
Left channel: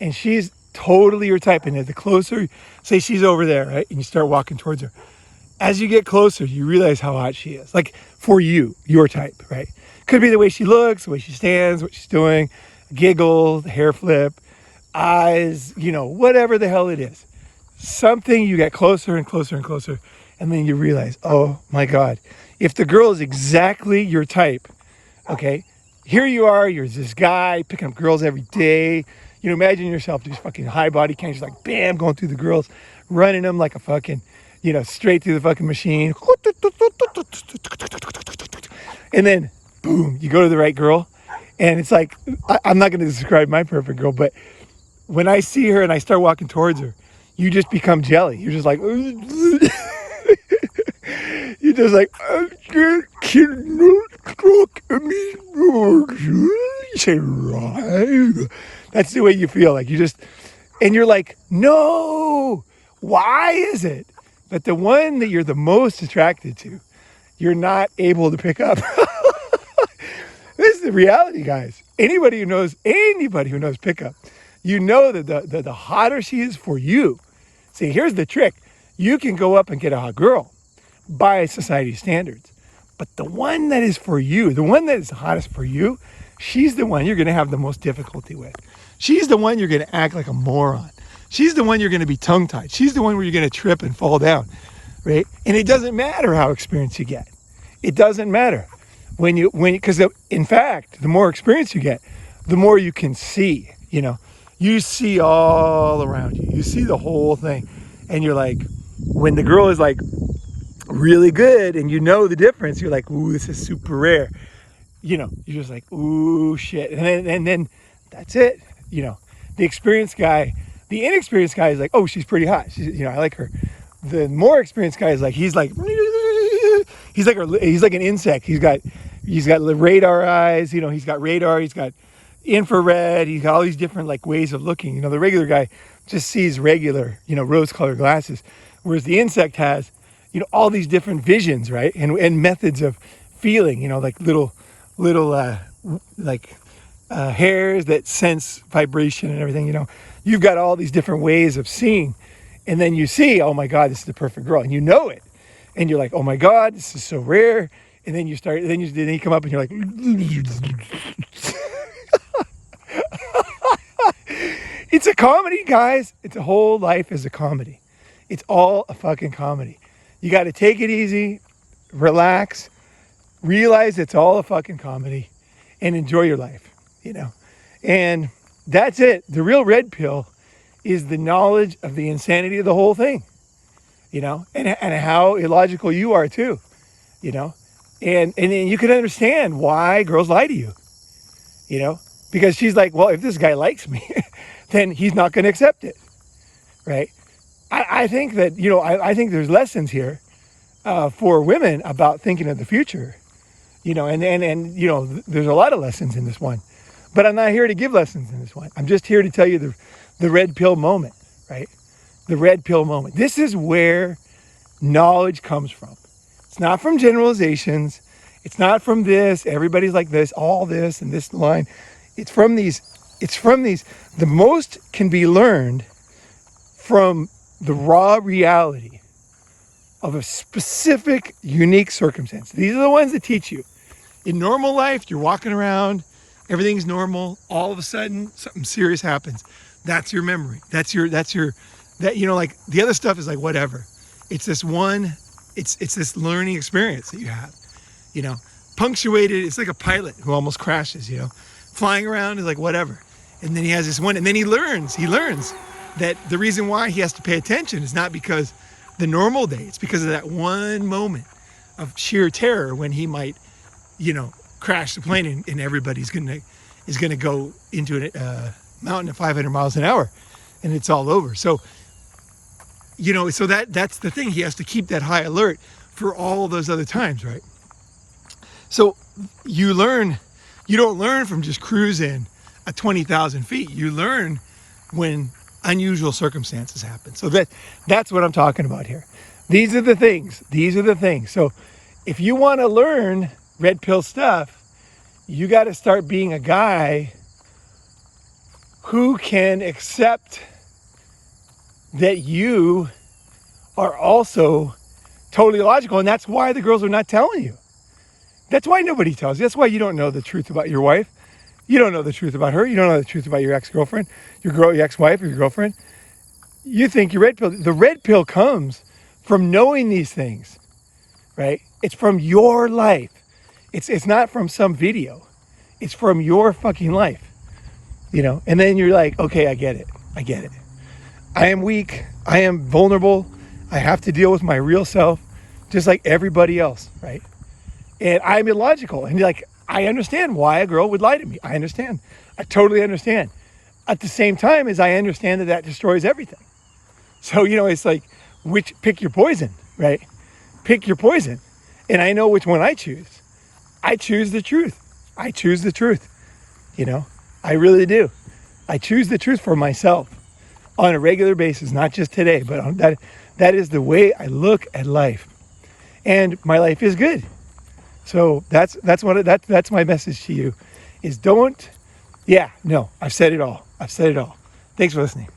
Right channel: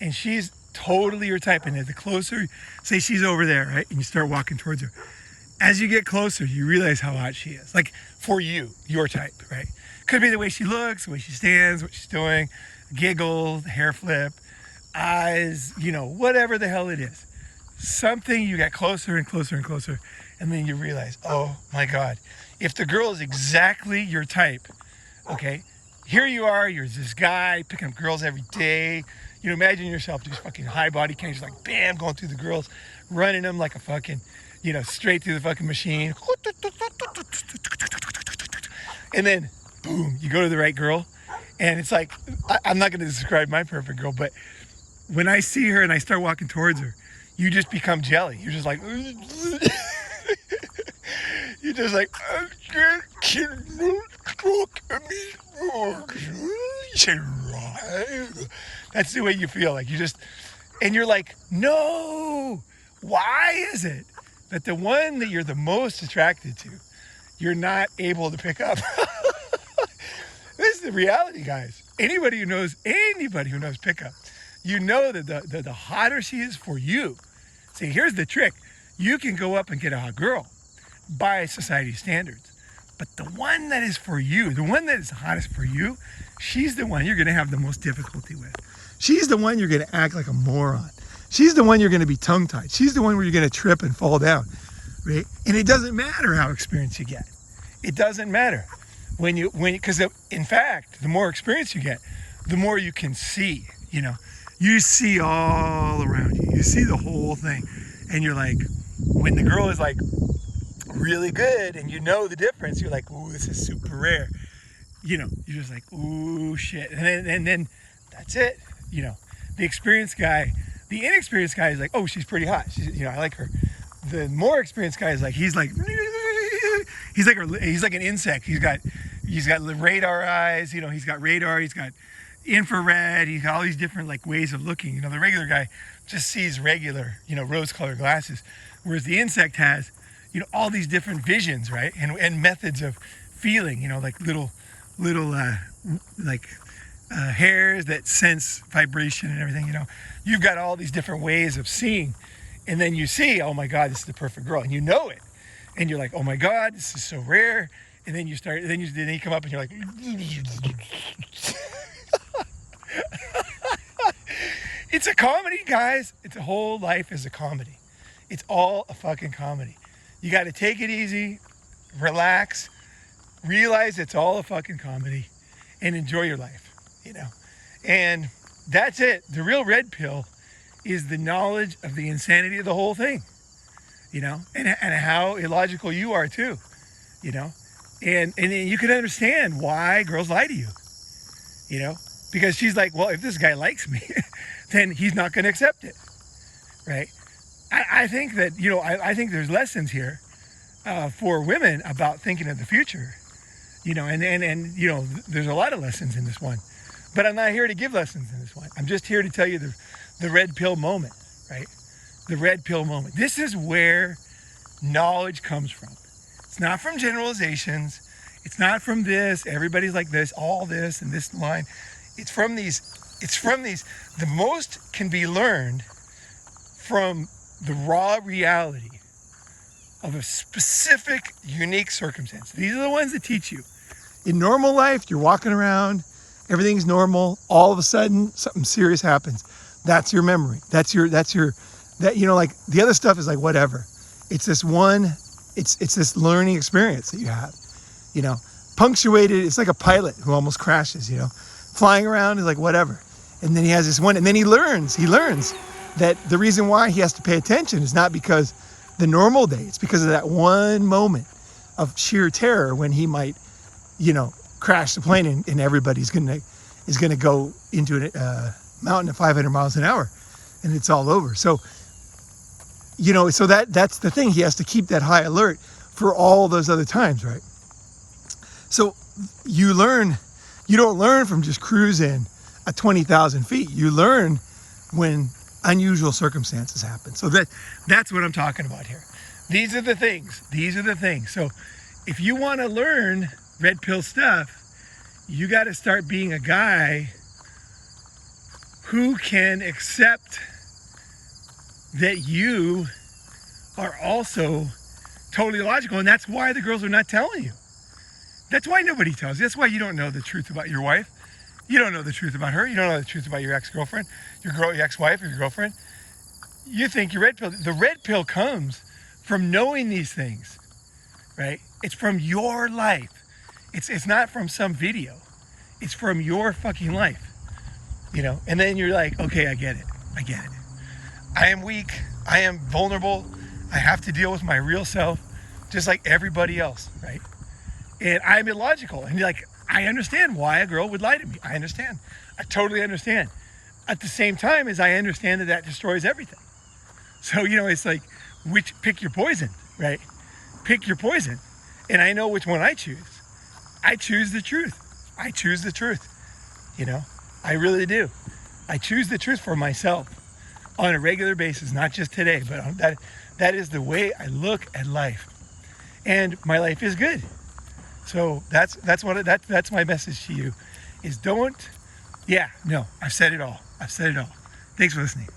and she's totally your type, and the closer, say she's over there, right? And you start walking towards her. As you get closer, you realize how hot she is. Like for you, your type, right? Could be the way she looks, the way she stands, what she's doing, giggle, hair flip, eyes, you know, whatever the hell it is. Something you get closer and closer and closer, and then you realize, oh my God, if the girl is exactly your type, okay, here you are, you're this guy picking up girls every day. You know, imagine yourself just fucking high body count, just like bam, going through the girls, running them like a fucking, you know, straight through the fucking machine. And then boom, you go to the right girl. And it's like, I'm not going to describe my perfect girl, but when I see her and I start walking towards her, you just become jelly. You're just like, you're just like, that's the way you feel. Like you just, and you're like, no, why is it that the one that you're the most attracted to, you're not able to pick up? This is the reality, guys. Anybody who knows pickup, you know that the hotter she is for you. See, here's the trick. You can go up and get a hot girl by society standards. But the one that is for you, the one that is the hottest for you, she's the one you're going to have the most difficulty with. She's the one you're going to act like a moron. She's the one you're going to be tongue-tied. She's the one where you're going to trip and fall down, right? And it doesn't matter how experienced you get. It doesn't matter. Because in fact, the more experience you get, the more you can see, you know. You see all around you. You see the whole thing. And you're like, when the girl is like really good and you know the difference, you're like, ooh, this is super rare. You know, you're just like, ooh, shit. And then that's it. You know, the experienced guy, the inexperienced guy is like, oh, she's pretty hot. You know, I like her. The more experienced guy is like, he's like an insect. He's got radar eyes. You know, he's got radar. He's got infrared. He's got all these different like ways of looking. You know, the regular guy just sees regular, you know, rose-colored glasses, whereas the insect has, you know, all these different visions, right? And methods of feeling. You know, like little hairs that sense vibration and everything. You know, you've got all these different ways of seeing, and then you see, oh my God, this is the perfect girl, and you know it. And you're like, oh my God, this is so rare. And then you come up and you're like, it's a comedy, guys. It's a whole life is a comedy. It's all a fucking comedy. You got to take it easy, relax, realize it's all a fucking comedy, and enjoy your life, you know? And that's it. The real red pill is the knowledge of the insanity of the whole thing, you know, and how illogical you are too, you know? And then you can understand why girls lie to you, you know? Because she's like, well, if this guy likes me, then he's not going to accept it, right? I think that, you know, I think there's lessons here for women about thinking of the future, you know, and you know, there's a lot of lessons in this one, but I'm not here to give lessons in this one. I'm just here to tell you the red pill moment, right? The red pill moment. This is where knowledge comes from. It's not from generalizations. It's not from this, everybody's like this, all this and this line. It's from these, the most can be learned from the raw reality of a specific, unique circumstance. These are the ones that teach you. In normal life, you're walking around, everything's normal, all of a sudden, something serious happens. That's your memory. That, you know, like the other stuff is like whatever. It's this one, it's this learning experience that you have, you know, punctuated. It's like a pilot who almost crashes, you know, flying around is like whatever. And then he has this one, and then he learns that the reason why he has to pay attention is not because the normal day, it's because of that one moment of sheer terror when he might, you know, crash the plane and everybody's is gonna go into a mountain at 500 miles an hour and it's all over. So, you know, so that's the thing. He has to keep that high alert for all those other times, right? So you don't learn from just cruising at 20,000 feet. You learn when unusual circumstances happen. So that's what I'm talking about here. These are the things. So if you want to learn red pill stuff, you got to start being a guy who can accept that you are also totally illogical. And that's why the girls are not telling you. That's why nobody tells you. That's why you don't know the truth about your wife. You don't know the truth about her. You don't know the truth about your ex-girlfriend, your ex-wife, or your girlfriend. You think you're red pill. The red pill comes from knowing these things, right? It's from your life. It's not from some video. It's from your fucking life, you know? And then you're like, okay, I get it. I am weak. I am vulnerable. I have to deal with my real self just like everybody else, right? And I'm illogical. And you're like, I understand why a girl would lie to me. I understand. I totally understand. At the same time as I understand that destroys everything. So, you know, it's like, pick your poison, right? Pick your poison. And I know which one I choose. I choose the truth. You know, I really do. I choose the truth for myself on a regular basis, not just today, but that is the way I look at life. And my life is good. So that's my message to you is I've said it all. Thanks for listening.